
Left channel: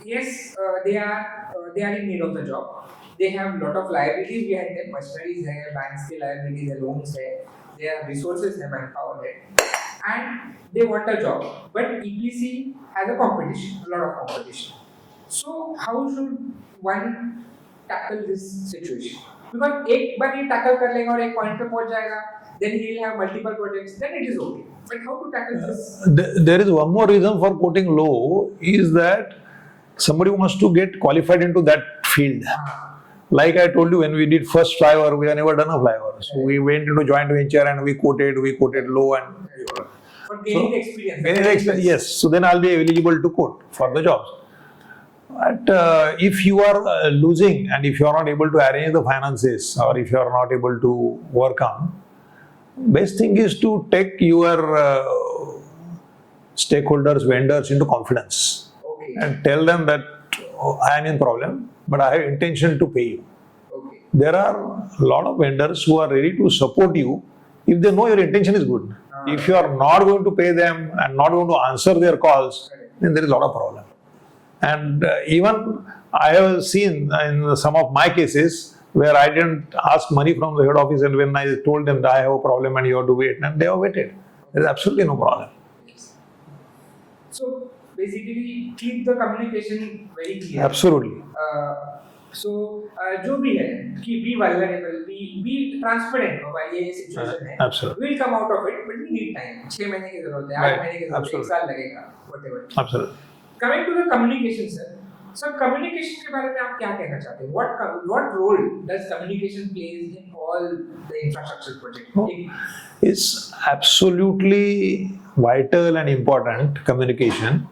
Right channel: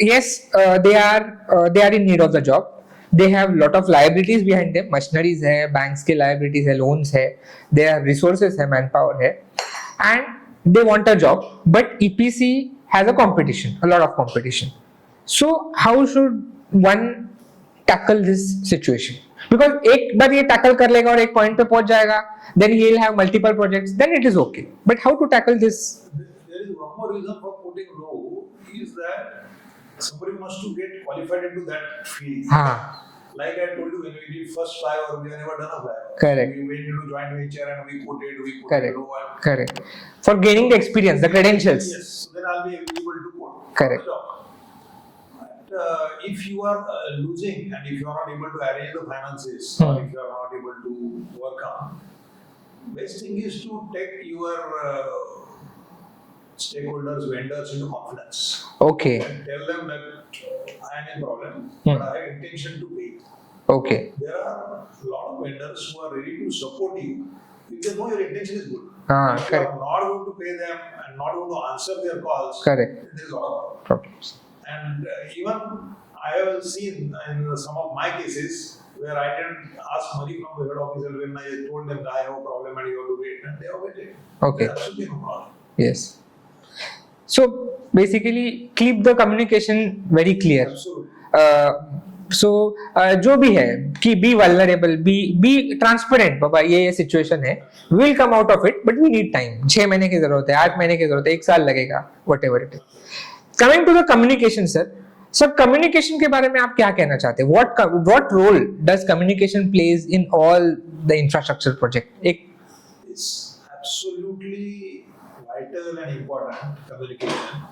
yes, they are in need of the job. They have lot of liabilities behind them. Machineries है, banks के liabilities है, loans है, their resources है, manpower है, and they want a job. But EPC has a competition, a lot of competition. So how should one tackle this situation? Because एक बार ये tackle कर लेगा और एक point पे पहुंच जाएगा, then he'll have multiple projects, then it is okay. But how to tackle this? There is one more reason for quoting low, is that somebody wants to get qualified into that field. like I told you, when we did first flyover, we have never done a flyover. Correct. So we went into joint venture and we quoted Correct. low and Correct. For gaining the experience, the credentials. Yes. So then I'll be eligible to quote for Correct. the jobs. But if you are losing and if you are not able to arrange the finances or if you are not able to work on, best thing is to take your stakeholders, vendors into confidence. Okay. And tell them that I am in problem, but I have intention to pay you. Okay. There are a lot of vendors who are ready to support you if they know your intention is good. If you are not going to pay them and not going to answer their calls, Correct. then there is a lot of problems. And even I have seen in some of my cases where I didn't ask money from the head office, and when I told them that I have a problem and you have to wait, and they have waited. Okay. There is absolutely no problem. Yes. So basically, keep the communication very clear. Absolutely. So जो भी है कि be vulnerable, be transparent. बाबा ये situation है. Absolutely. We'll come out of it, but we need time. 6 महीने की जरूरत है, 8 महीने की जरूरत है, 1 साल लगेगा, whatever it is. Absolutely. Coming to the communication, sir. So communication के बारे में आप क्या कहना चाहते हैं? What role does communication plays in all the infrastructure project? It's absolutely vital and important, communication.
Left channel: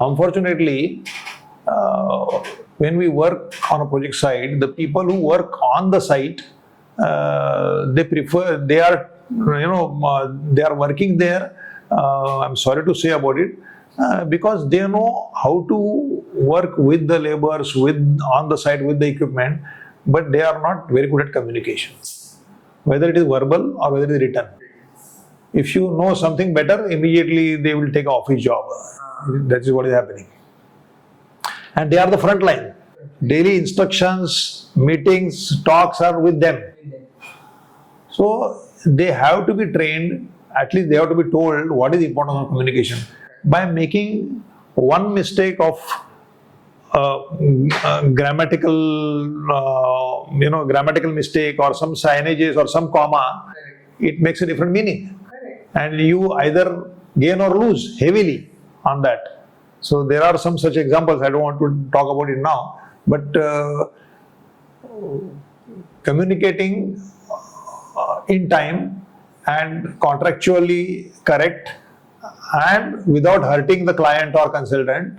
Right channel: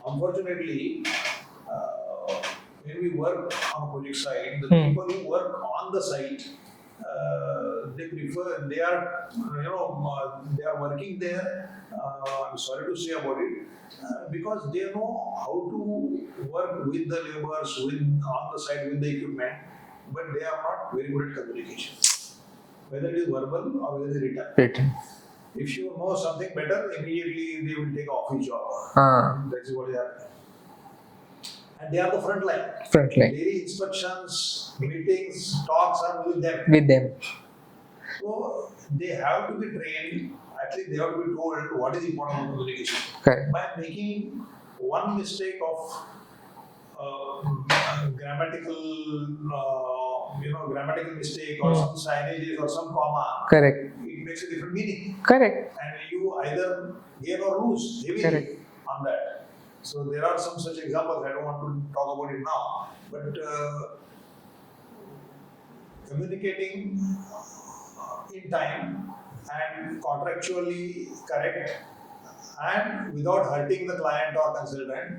Unfortunately, when we work on a project site, the people who work on the site, they are working there. I'm sorry to say about it, because they know how to work with the laborers, on the site with the equipment, but they are not very good at communication, whether it is verbal or whether it is written. If you know something better, immediately they will take an office job. That is what is happening. And they are the front line. Daily instructions, meetings, talks are with them. So they have to be trained. At least they have to be told what is important of communication. Correct. By making one mistake of grammatical mistake or some signages or some comma, Correct. it makes a different meaning. Correct. And you either gain or lose heavily on that. So there are some such examples. I don't want to talk about it now, but communicating in time and contractually correct and without hurting the client or consultant,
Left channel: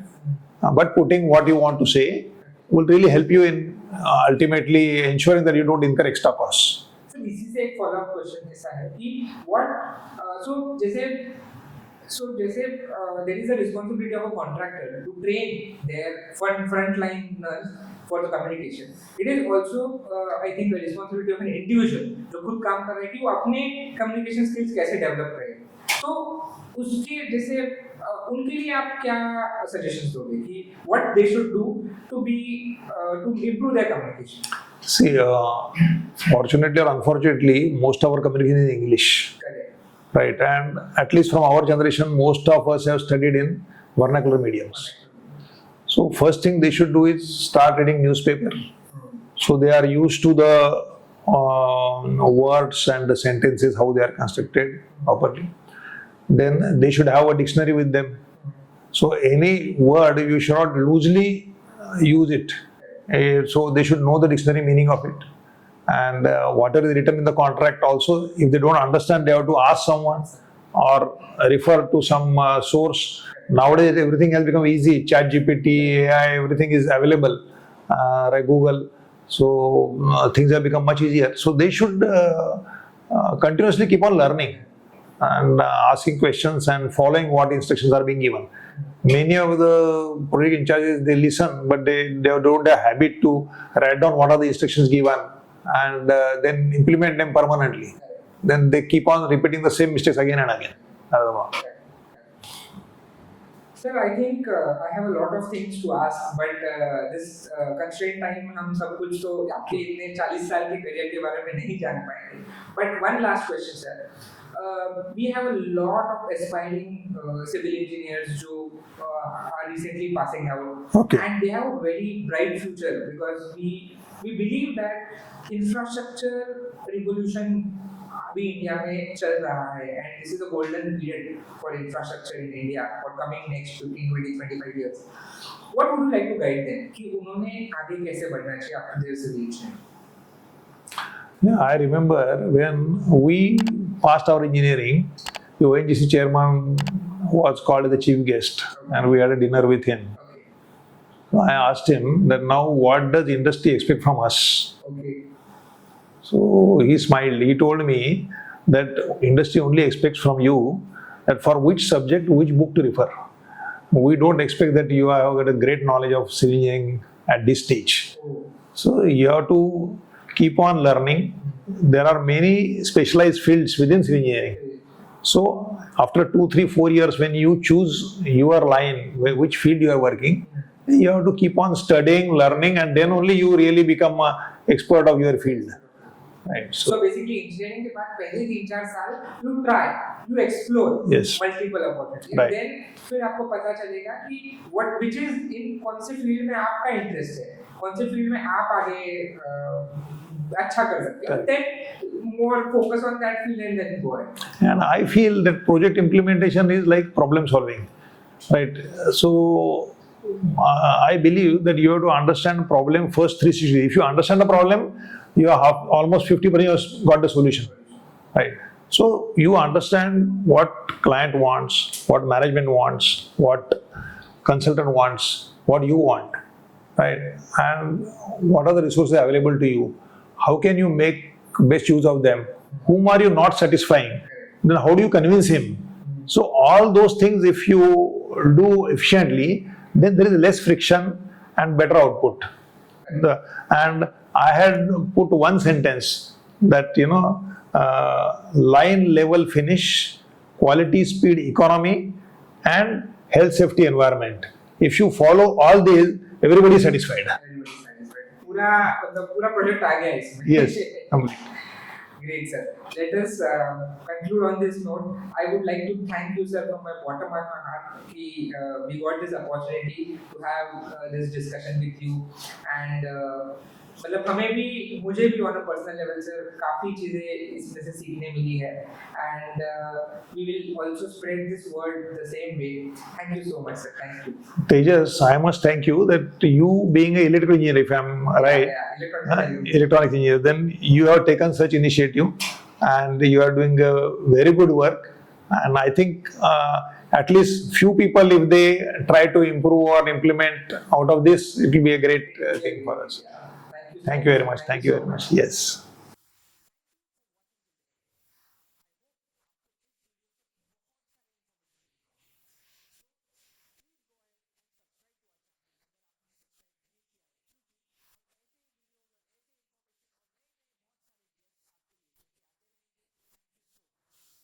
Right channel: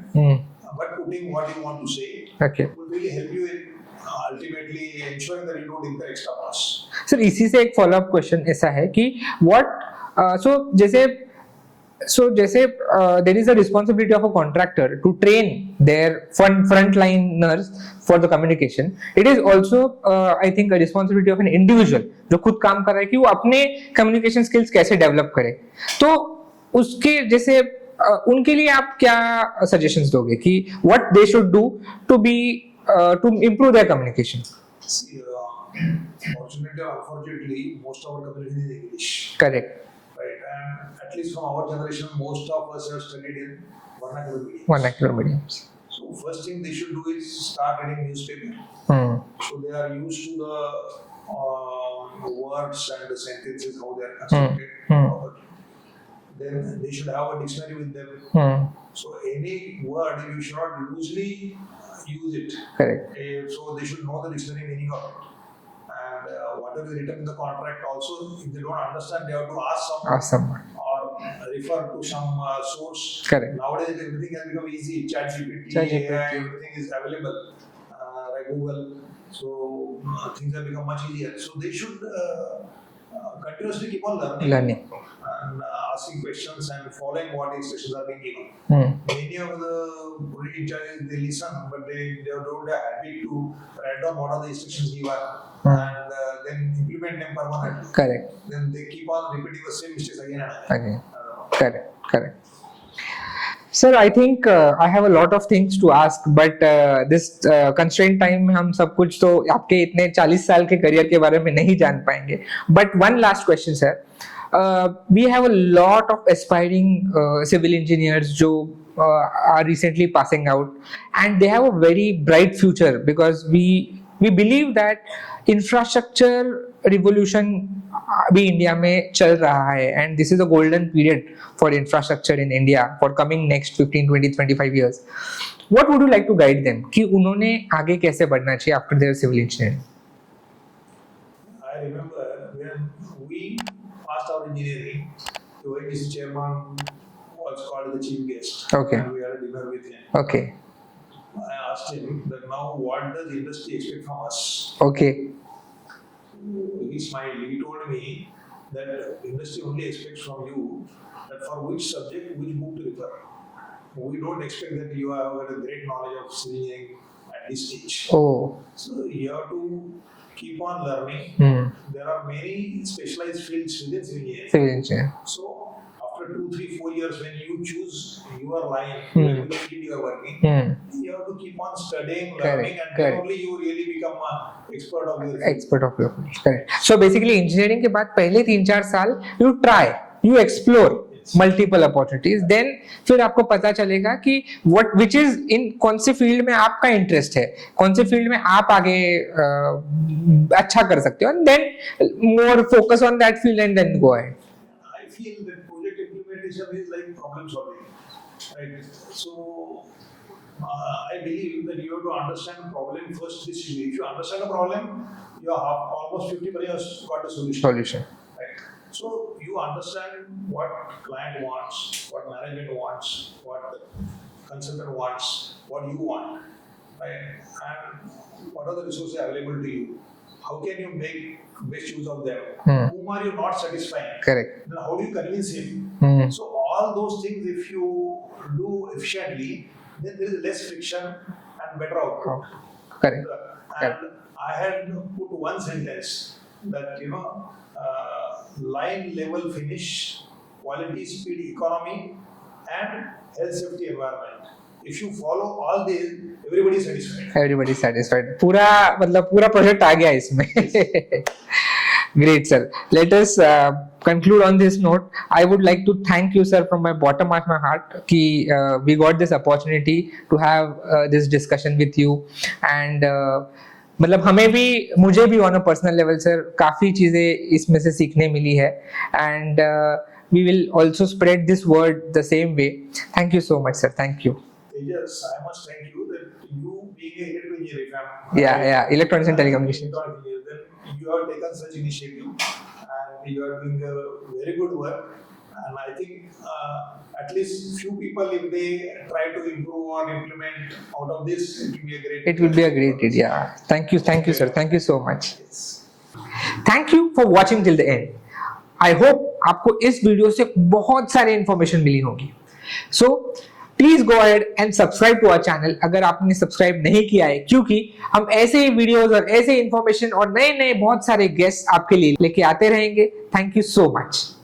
but putting what you want to say will really help you in ultimately ensuring that you don't incur extra costs. Sir, इसी से एक follow-up question ऐसा है कि there is a responsibility of a contractor to train their frontliners for the communication. It is also I think a responsibility of an individual जो खुद काम कर रहा है कि वो अपने communication skills कैसे develop करे. तो उसके जैसे उनके लिए आप क्या suggestions दोगे कि what they should do to improve their communication? See, fortunately or unfortunately, most of our communication is English. Correct. Right, and at least from our generation, most of us have studied in vernacular mediums. So first thing they should do is start reading newspaper. So they are used to the words and the sentences, how they are constructed properly. Then they should have a dictionary with them. So any word, you should not loosely use it. Correct. So they should know the dictionary meaning of it. And whatever is written in the contract also, if they don't understand, they have to ask someone or refer to some source. Correct. Nowadays, everything has become easy. ChatGPT, AI, everything is available. Like Google. So things have become much easier. So they should continuously keep on learning. And asking questions and following what instructions are being given. Many of the project in charges, they listen, but they don't have a habit to write down what are the instructions given. And then implement them permanently. Correct. Then they keep on repeating the same mistakes again and again. Correct. Sir, I think I have a lot of things to ask, but this constraint time में हम सब कुछ तो आपके इतने 40 साल के career के बारे में नहीं जान पाएंगे. But one last question, sir. We have a lot of aspiring civil engineers जो are recently passing out, and they have a very bright future because we believe that infrastructure revolution भी India में चल रहा है, and this is a golden period for infrastructure in India for coming next 15, 20, 25 years. what would you like to guide them कि उन्होंने आगे कैसे बढ़ना चाहिए after their civil engineering? Yeah, I remember when we passed our engineering, the ONGC chairman was called the chief guest, Okay. and we had a dinner with him. Okay. I asked him that now what does industry expect from us? Okay. So he smiled. He told me that industry only expects from you that for which subject, which book to refer. We don't expect that you have got a great knowledge of civil engineering at this stage. Oh. So you have to keep on learning. There are many specialized fields within civil engineering. Civil engineering. So after 2, 3, 4 years, when you choose your line, which field you are working, you have to keep on studying, learning, and then only you really become an expert of your field. Expert of your field. Correct. So basically, engineering के बाद पहले 3-4 साल you try, you explore Yes. multiple opportunities. Right. Then फिर आपको पता चलेगा कि which is in कौन से फील्ड में आपका इंटरेस्ट है, कौन से फील्ड में आप आगे अच्छा कर सकते हो, and then more focus on that field and then go ahead. And I feel that project implementation is like problem solving, right? So I believe that you have to understand problem first 360. If you understand the problem, you have almost 50% got the solution. Right. So you understand what client wants, what management wants, what consultant wants, what you want, right? And what are the resources available to you? How can you make best use of them? Whom are you not satisfying? Correct. Then how do you convince him? So all those things, if you do efficiently, then there is less friction and better output. Correct. And I had put one sentence that, line level finish, quality, speed, economy, and health, safety, environment. If you follow all these, everybody is satisfied. Everybody is satisfied. पूरा project आ गया इसमें. Yes. Great, sir. Let us conclude on this note. I would like to thank you, sir, from my bottom of my heart कि we got this opportunity to have this discussion with you, and मतलब हमें भी, मुझे भी on a personal level, sir, काफी चीजें इसमें से सीखने मिली है, and we will also spread this word the same way. Thank you so much, sir. Thank you. Tejas, I must thank you that you being an electrical engineer, if I'm right, Electronics and telecommunications. electronics engineer, then you have taken such initiative and you are doing a very good work. And I think at least few people, if they try to improve or implement out of this, it will be a great. It will be a great deal. Yeah. Thank you, sir. Thank you so much. Yes. Thank you for watching till the end. I hope आपको इस video से बहुत सारी information मिली होगी. So please go ahead and subscribe to our channel अगर आपने subscribe नहीं किया है, क्योंकि हम ऐसे ही वीडियोस और ऐसे इंफॉर्मेशन और नए नए बहुत सारे गेस्ट आपके लिए लेके आते रहेंगे. Thank you so much.